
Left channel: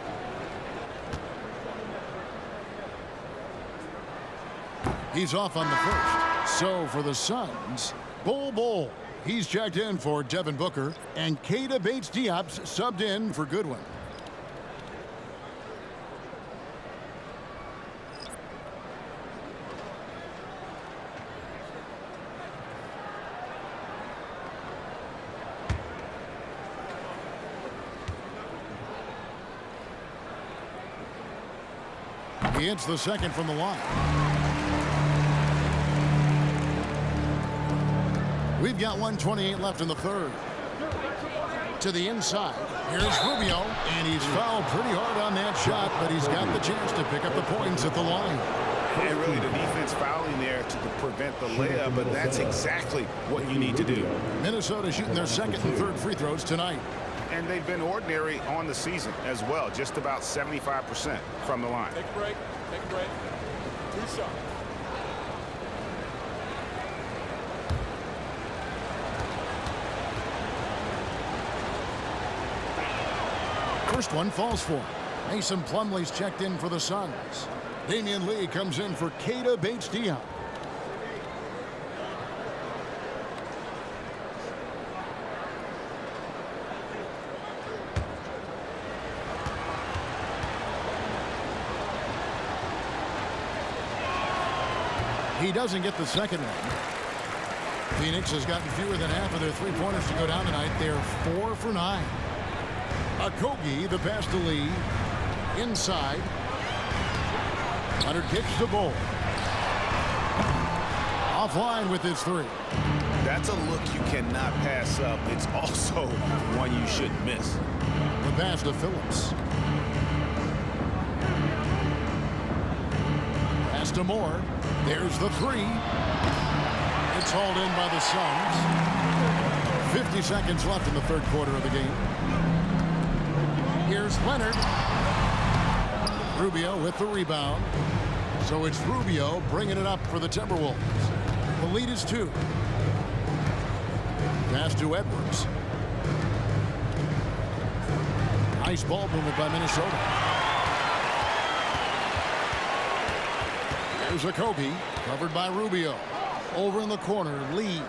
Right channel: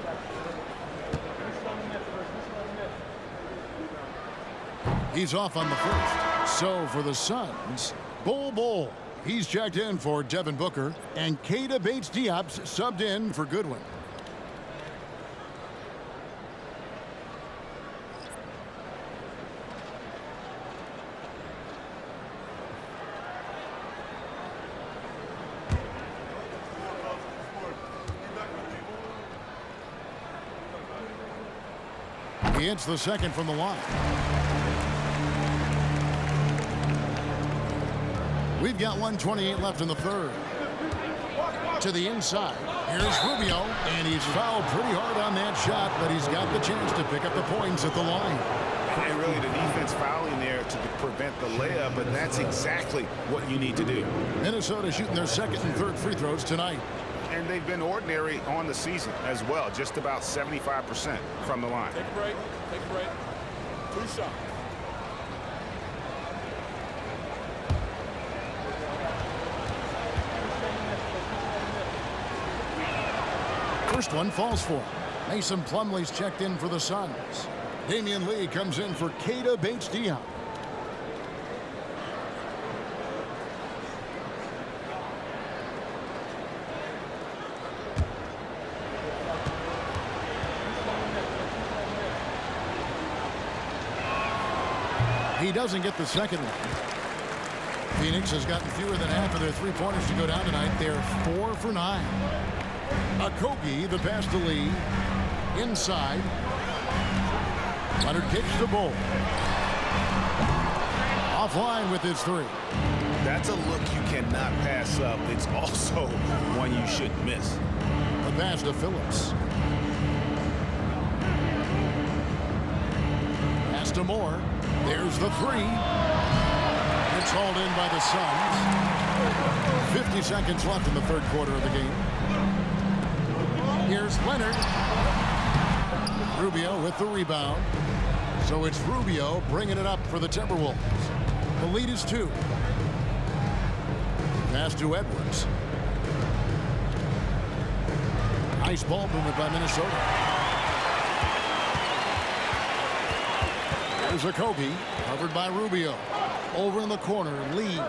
He's off on the first. So for the Suns, Bol. He's checked in for Devin Booker, and Keita Bates-Diop's subbed in for Goodwin. He hits the second from the line. We've got 1:28 left in the third. To the inside. Here's Rubio, and he's fouled pretty hard on that shot, but he's got the chance to pick up the points at the line. And really the defense fouling there to prevent the layup, but that's exactly what you need to do. Minnesota shooting their second and third free throws tonight. And they've been ordinary on the season as well, just about 75% from the line. Take a break. Take a break. 2 shots. First one falls for him. Mason Plumlee's checked in for the Suns. Damian Lee comes in for Keita Bates-Diop. He doesn't get the second one. Phoenix has gotten fewer than half of their three-pointers to go down tonight. They're 4 for 9. Okogie, the pass to Lee. Inside. Leonard kicks to Bol. Offline with his 3. That's a look you cannot pass up. It's also one you shouldn't miss. The pass to Phillips. Pass to Moore. There's the 3. It's hauled in by the Suns. 50 seconds left in the third quarter of the game. Here's Leonard. Rubio with the rebound. So it's Rubio bringing it up for the Timberwolves. The lead is 2. Pass to Edwards. Nice ball movement by Minnesota. There's Okogie, covered by Rubio. Over in the corner, Lee.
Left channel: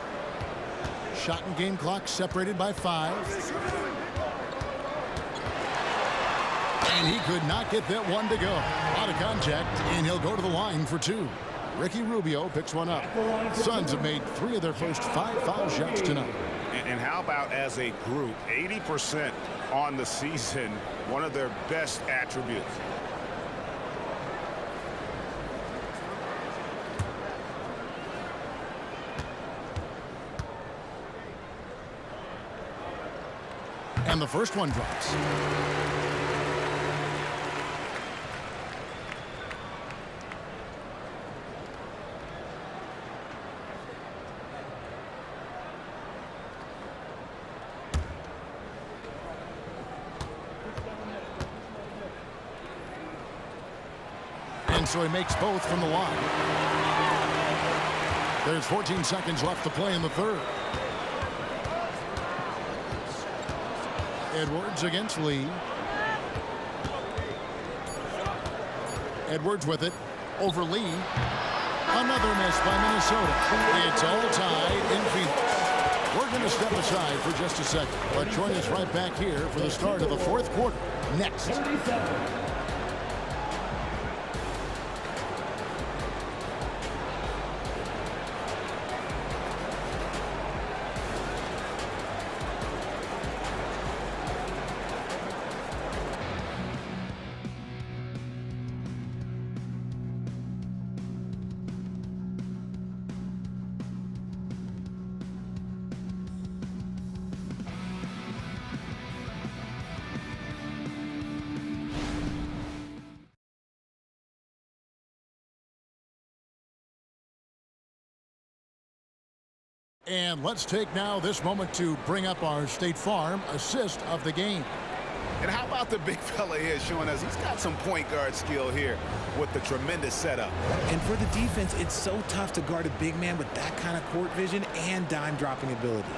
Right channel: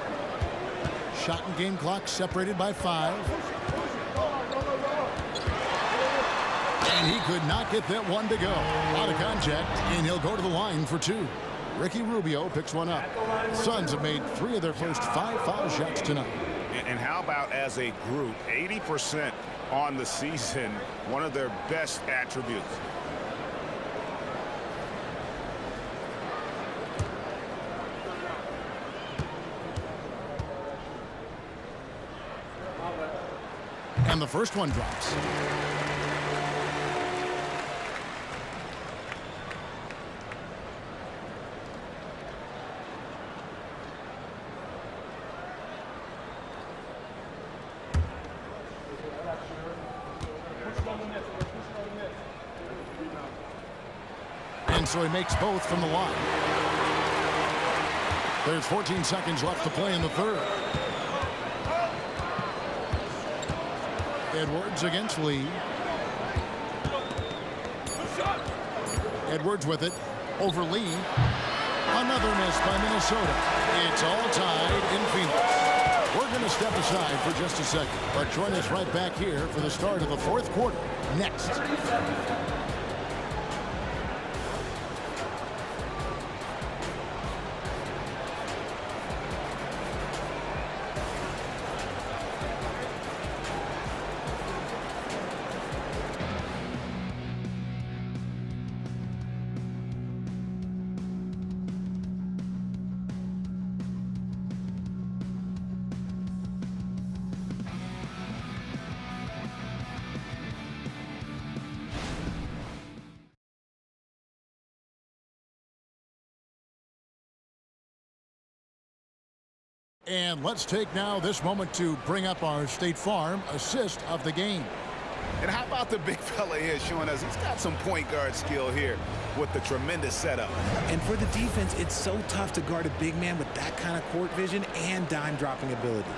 Shot and game clock separated by 5. And he could not get that one to go. Out of contact, and he'll go to the line for 2. Ricky Rubio picks one up. The Suns have made 3 of their first 5 foul shots tonight. And how about as a group, 80% on the season, one of their best attributes. And the first one drops. And so he makes both from the line. There's 14 seconds left to play in the third. Edwards against Lee. Edwards with it. Over Lee. Another miss by Minnesota. It's all tied in Phoenix. We're going to step aside for just a second, but join us right back here for the start of the fourth quarter. Next. And let's take now this moment to bring up our State Farm assist of the game. And how about the big fella here showing us he's got some point guard skill here with the tremendous setup. And for the defense, it's so tough to guard a big man with that kind of court vision and dime dropping ability.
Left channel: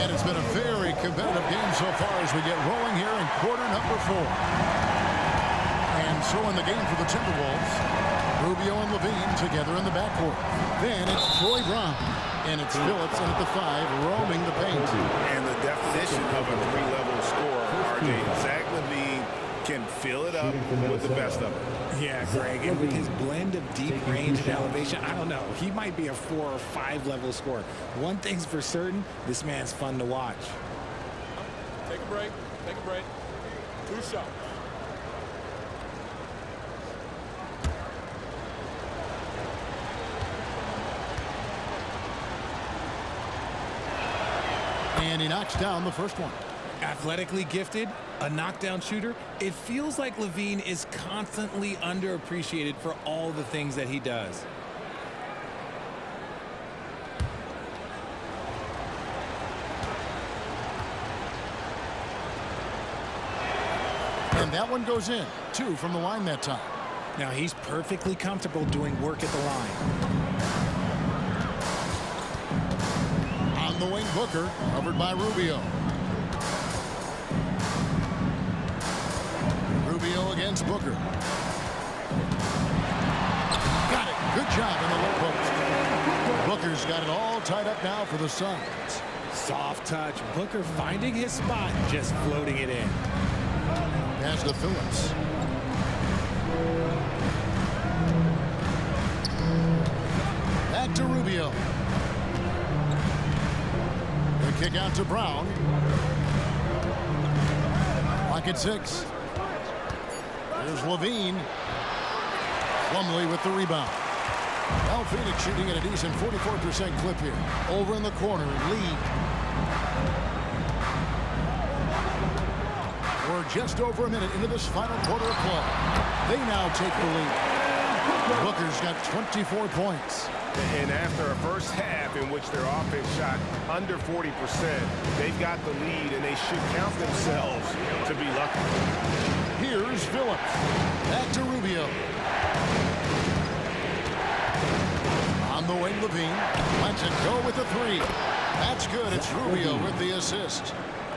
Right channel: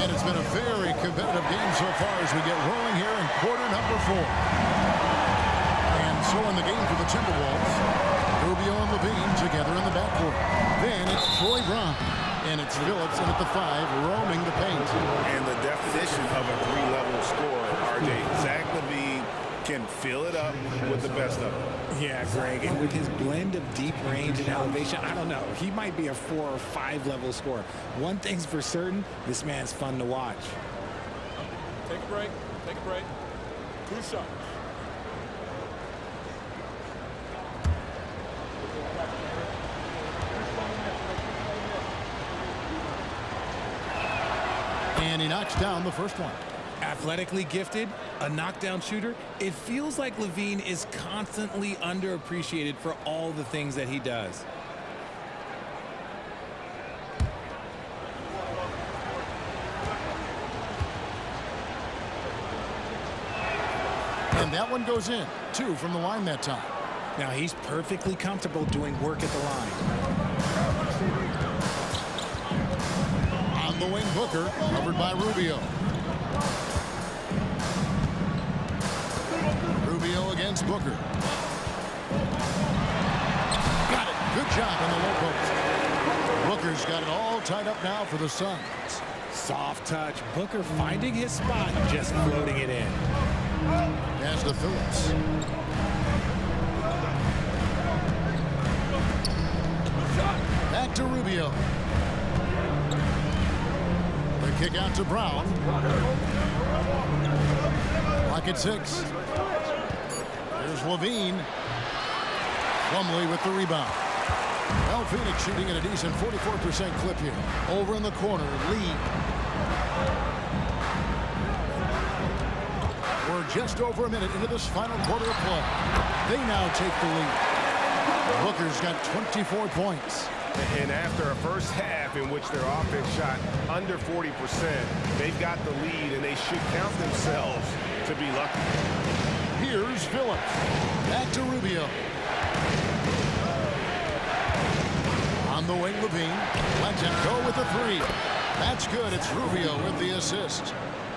And it's been a very competitive game so far as we get rolling here in quarter number 4. And so in the game for the Timberwolves, Rubio and Levine together in the backcourt. Then it's Troy Brown. And it's Phillips in at the 5, roaming the paint. And the definition of a 3-level scorer, RJ, Zach LaVine can fill it up with the best of them. Yeah, Greg, and with his blend of deep range and elevation, I don't know. He might be a 4 or 5 level scorer. One thing's for certain, this man's fun to watch. Take a break. Take a break. 2 shots. And he knocks down the first one. Athletically gifted, a knockdown shooter. It feels like Levine is constantly underappreciated for all the things that he does. And that one goes in. 2 from the line that time. Now he's perfectly comfortable doing work at the line. On the wing, Booker, covered by Rubio. Rubio against Booker. Got it. Good job in the low post. Booker's got it all tied up now for the Suns. Soft touch. Booker finding his spot, just floating it in. Pass to Phillips. Back to Rubio. The kick out to Brown. Lock at 6. Here's Levine. Plumlee with the rebound. Well, Phoenix shooting at a decent 44% clip here. Over in the corner, Lee. We're just over a minute into this final quarter of play. They now take the lead. Booker's got 24 points. And after a first half in which their offense shot under 40%, they've got the lead, and they should count themselves to be lucky. Here's Phillips. Back to Rubio. On the wing, Levine. Lets it go with the 3. That's good. It's Rubio with the assist.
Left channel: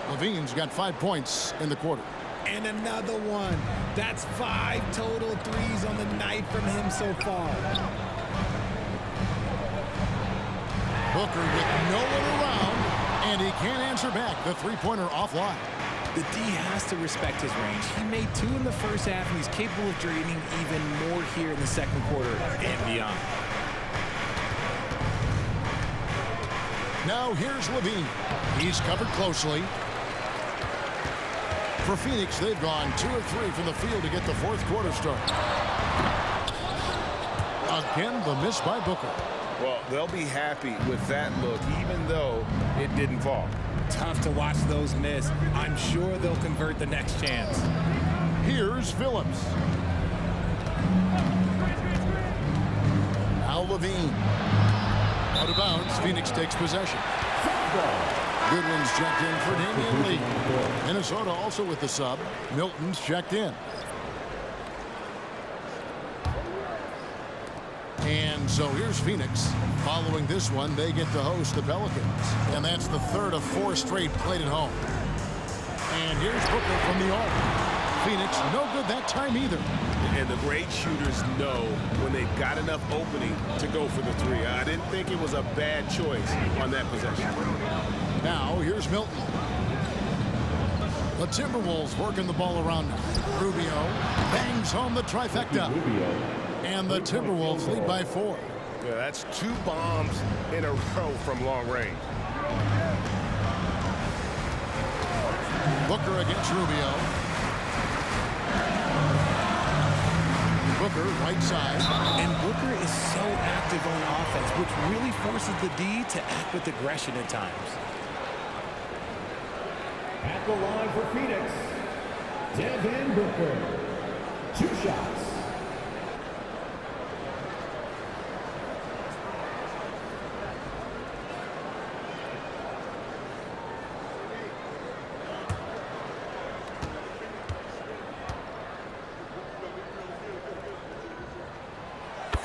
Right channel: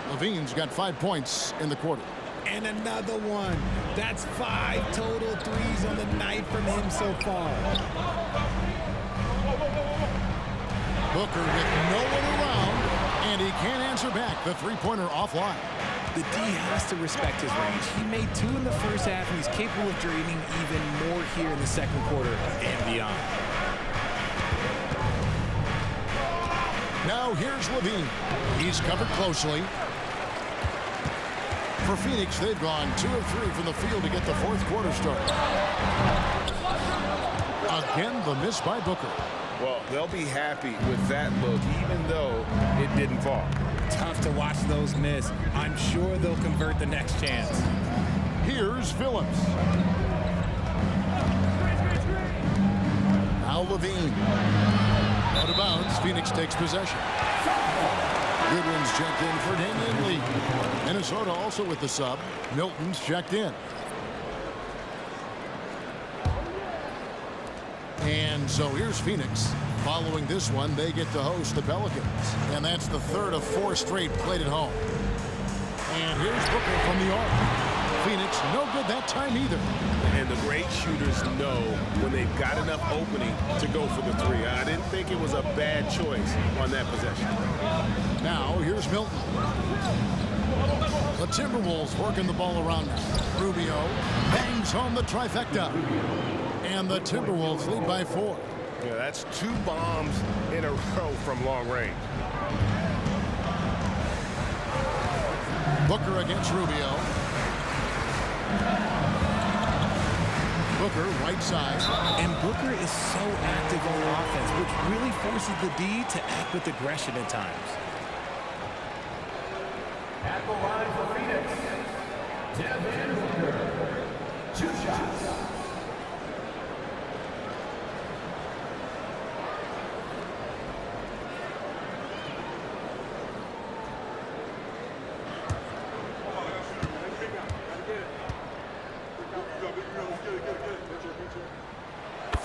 Levine's got 5 points in the quarter. And another one. That's 5 total threes on the night from him so far. Booker with no one around, and he can't answer back. The three-pointer offline. The D has to respect his range. He made 2 in the first half, and he's capable of draining even more here in the second quarter and beyond. Now here's Levine. He's covered closely. For Phoenix, they've gone 2 of 3 from the field to get the fourth quarter started. Again, the miss by Booker. Well, they'll be happy with that look, even though it didn't fall. Tough to watch those miss. I'm sure they'll convert the next chance. Here's Phillips. Now Levine. Out of bounds, Phoenix takes possession. Goodwin's checked in for Damian Lee. Minnesota also with the sub. Milton's checked in. And so here's Phoenix. Following this one, they get to host the Pelicans. And that's the 3rd of 4 straight played at home. And here's Booker from the arc. Phoenix, no good that time either. And the great shooters know when they've got enough opening to go for the 3. I didn't think it was a bad choice on that possession. Now, here's Milton. The Timberwolves working the ball around now. Rubio bangs home the trifecta. And the Timberwolves lead by 4. Yeah, that's 2 bombs in a row from long range. Booker against Rubio. Booker, right side. And Booker is so active on offense, which really forces the D to act with aggression at times. At the line for Phoenix, Devin Booker. 2 shots.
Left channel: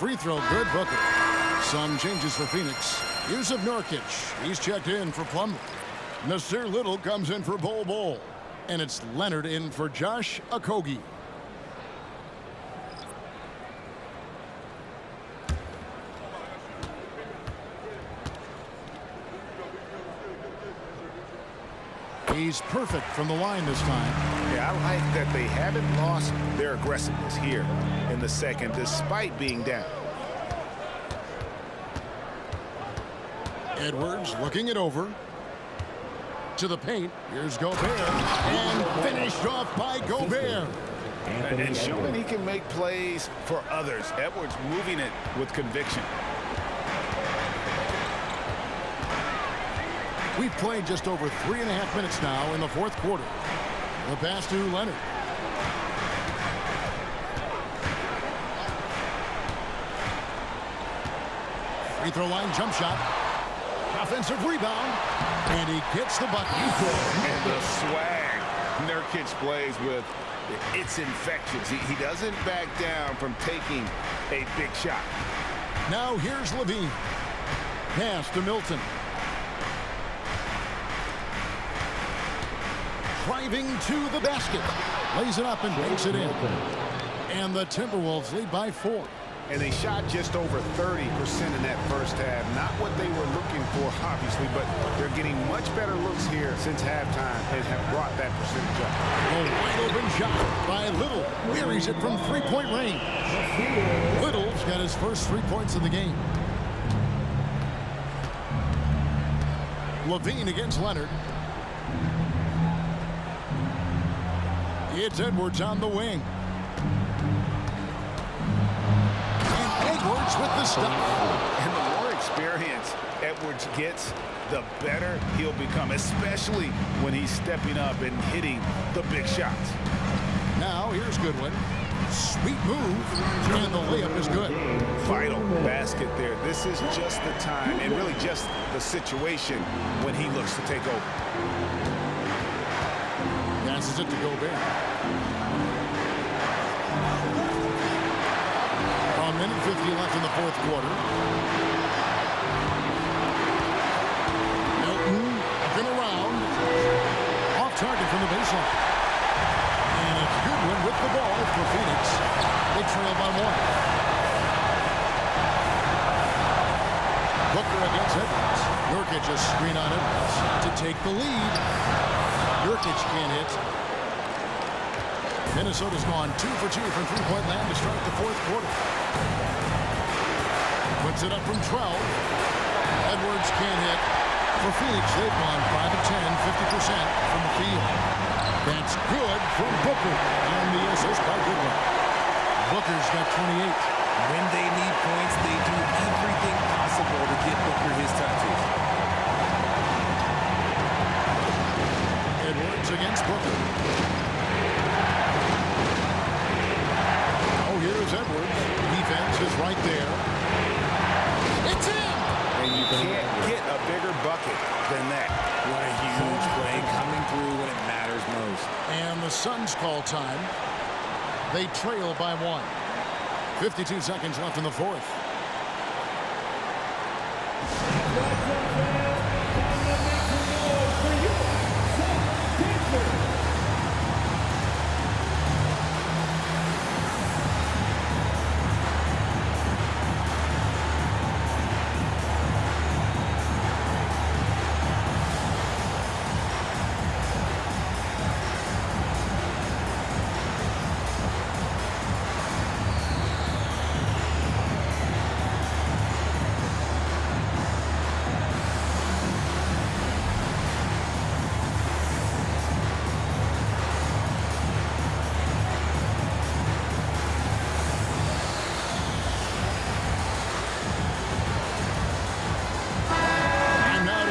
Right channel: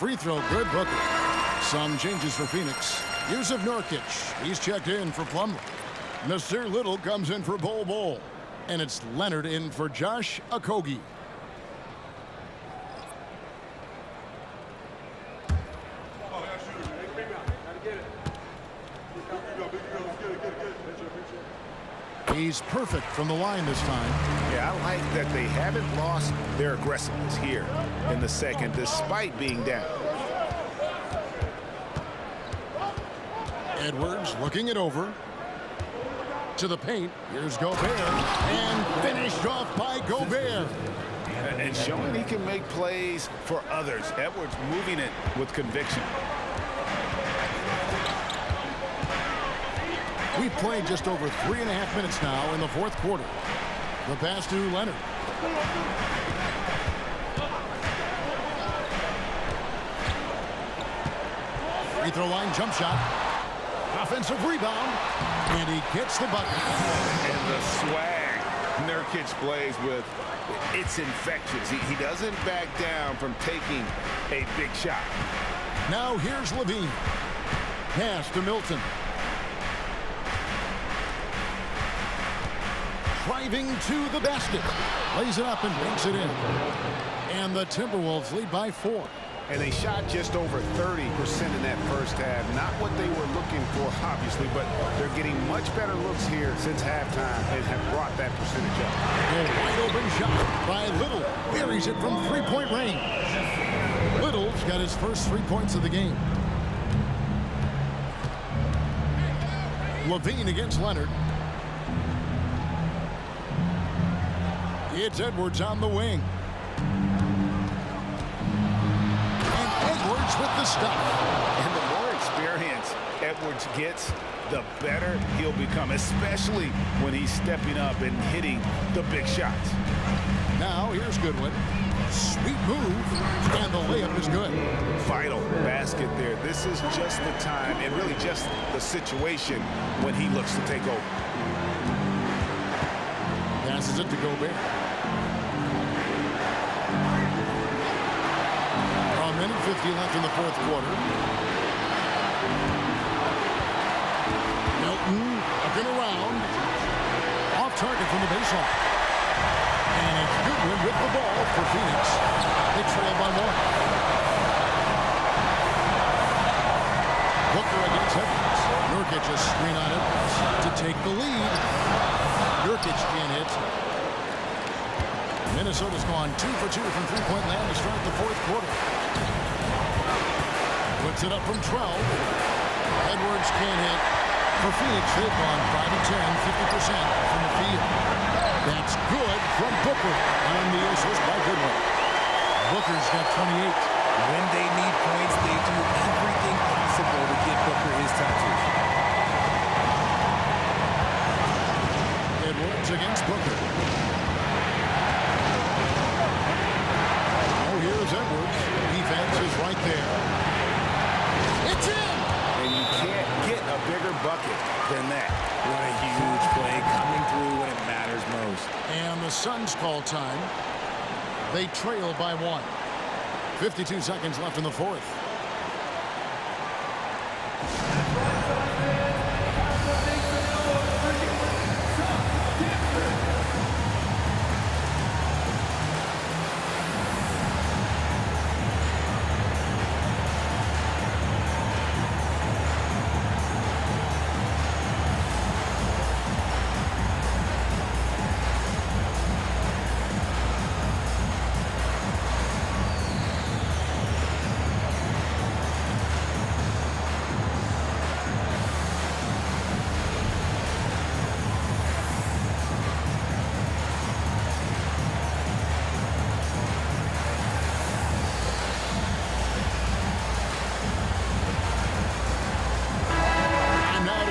free throw good, Booker. Some changes for Phoenix. Yusuf Nurkic, he's checked in for Plumlee. Nasir Little comes in for Bol Bol. And it's Leonard in for Josh Okogie. He's perfect from the line this time. Yeah, I like that they haven't lost their aggressiveness here in the second, despite being down. Edwards looking it over. To the paint. Here's Gobert. And finished off by Gobert. And showing he can make plays for others. Edwards moving it with conviction. We've played just over 3.5 minutes now in the fourth quarter. The pass to Leonard. Free throw line jump shot. Offensive rebound. And he gets the bucket. And the swag Nurkic plays with, it's infectious. He doesn't back down from taking a big shot. Now here's Levine. Pass to Milton. Driving to the basket. Lays it up and banks it in. And the Timberwolves lead by 4. And they shot just over 30% in that first half. Not what they were looking for, obviously, but they're getting much better looks here since halftime and have brought that percentage up. A wide open shot by Little. Buries it from three-point range. Little's got his first 3 points of the game. Levine against Leonard. It's Edwards on the wing. And Edwards with the stuff. And the more experience Edwards gets, the better he'll become, especially when he's stepping up and hitting the big shots. Now here's Goodwin. Sweet move. And the layup is good. Vital basket there. This is just the time and really just the situation when he looks to take over. Passes it to Gobert. A minute 50 left in the fourth quarter. Milton looking around. Off target from the baseline. And it's Goodwin with the ball for Phoenix. They trail by 1. Booker against Edwards. Nurkic a screen on Edwards to take the lead. Nurkic can't hit. Minnesota's gone 2 for 2 from three-point land to start the fourth quarter. Puts it up from 12. Edwards can't hit. For Phoenix, they've gone 5 of 10, 50% from the field. That's good from Booker on the assist by Goodwin. Booker's got 28. When they need points, they do everything possible to get Booker his touches. Edwards against Booker. Oh, here's Edwards. Defense is right there. It's in! And you can't get a bigger bucket than that. What a huge play coming through when it matters most. And the Suns call time. They trail by 1. 52 seconds left in the fourth.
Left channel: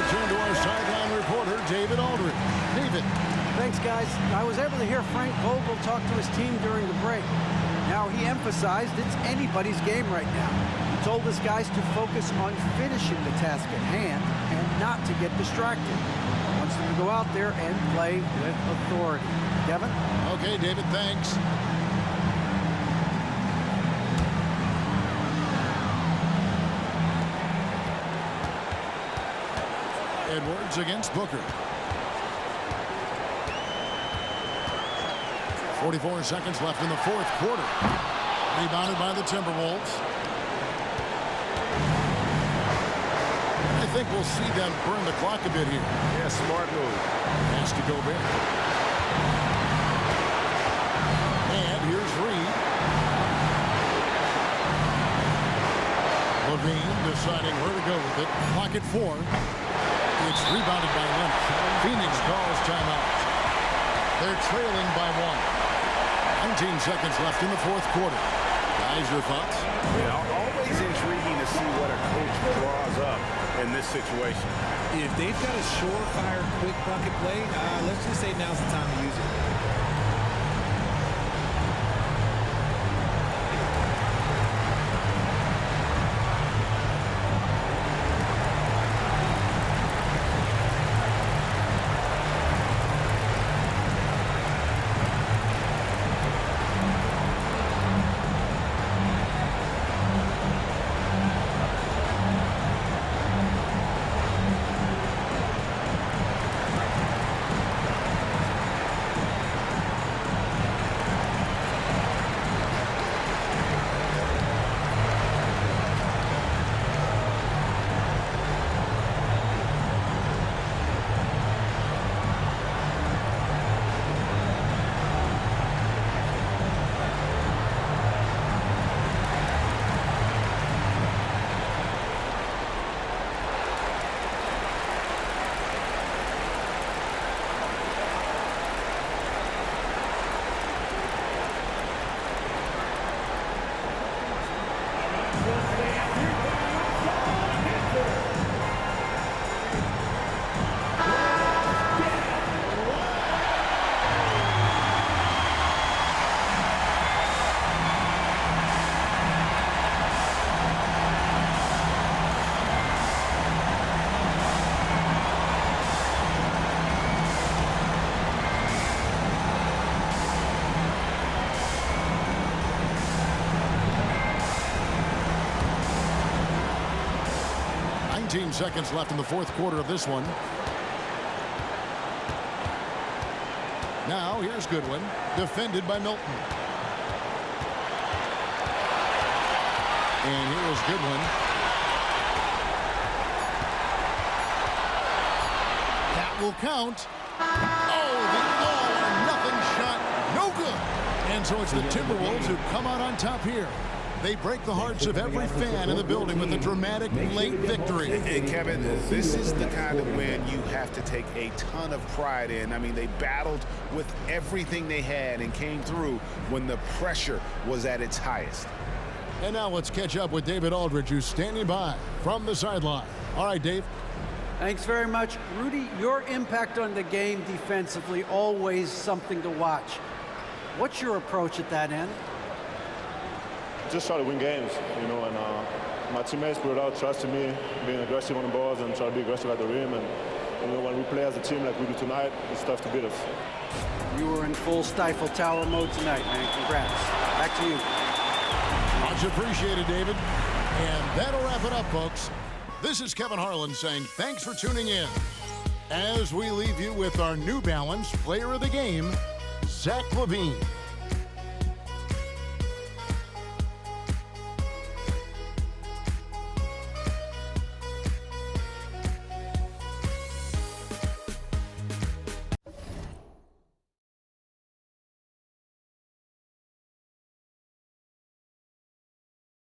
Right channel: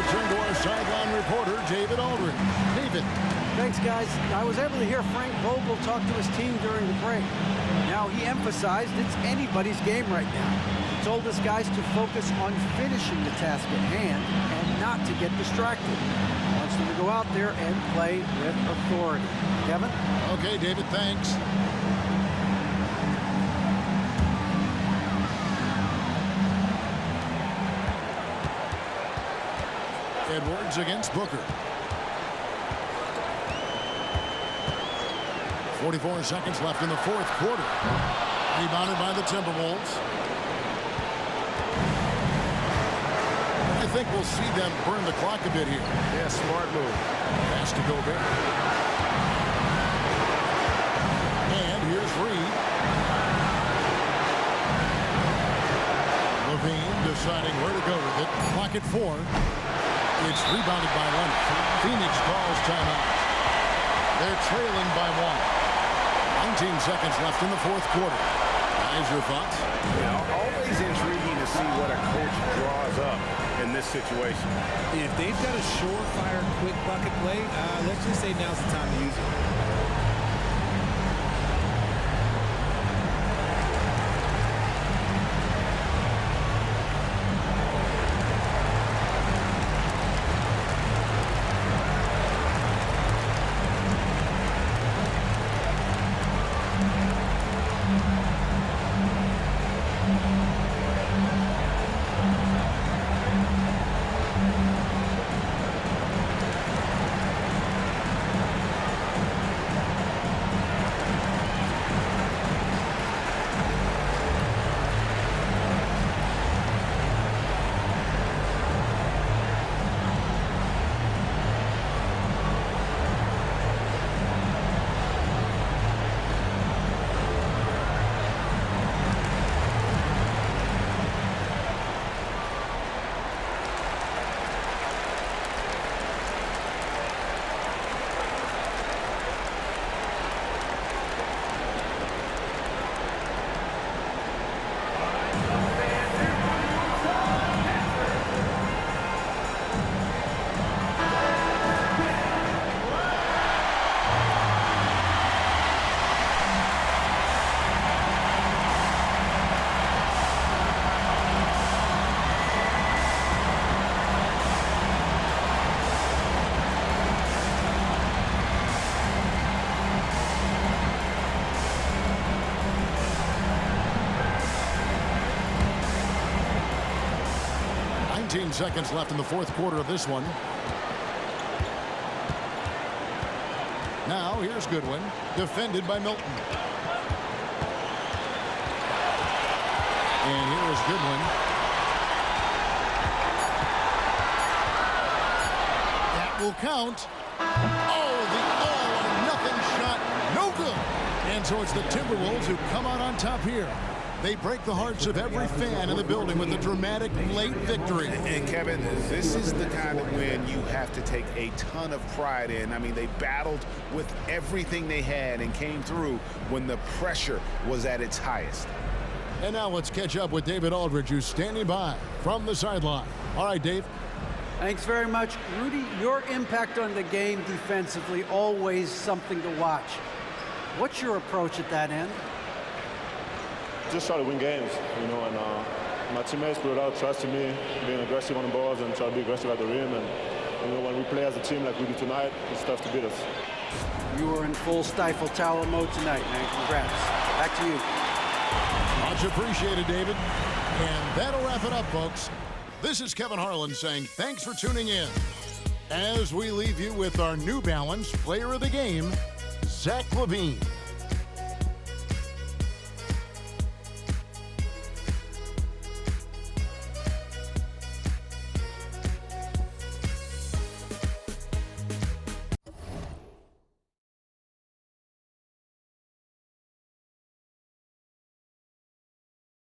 Turn to our sideline reporter, David Aldridge. David. Thanks, guys. I was able to hear Frank Vogel talk to his team during the break. Now, he emphasized it's anybody's game right now. He told his guys to focus on finishing the task at hand and not to get distracted. He wants them to go out there and play with authority. Kevin? Okay, David, thanks. Edwards against Booker. 44 seconds left in the fourth quarter. Rebounded by the Timberwolves. I think we'll see them burn the clock a bit here. Yeah, smart move. Pass to Gobert. And here's Reed. Levine deciding where to go with it. Clock at 4. It's rebounded by Leonard. Phoenix calls timeout. They're trailing by 1. 19 seconds left in the fourth quarter. Guys, your thoughts? Yeah, always intriguing to see what a coach draws up in this situation. If they've got a surefire, quick bucket play, let's just say now's the time to use it. Seconds left in the fourth quarter of this one. Now here's Goodwin, defended by Milton. And here is Goodwin. That will count. Oh, the all-or-nothing shot, no good. And so it's the Timberwolves who come out on top here. They break the hearts of every fan in the building with a dramatic late victory. And Kevin, this is the kind of win you have to take a ton of pride in. I mean, they battled with everything they had and came through when the pressure was at its highest. And now let's catch up with David Aldridge, who's standing by from the sideline. All right, Dave. Thanks very much. Rudy, your impact on the game defensively, always something to watch. What's your approach at that end? Just try to win games, you know, and my teammates put it out, trusting me, being aggressive on the balls and try to be aggressive at the rim. And, you know, when we play as a team like we do tonight, it's tough to beat us. You were in full Stifle Tower mode tonight, man. Congrats. Back to you. Much appreciated, David. And that'll wrap it up, folks. This is Kevin Harlan saying thanks for tuning in. As we leave you with our New Balance Player of the Game, Zach LaVine.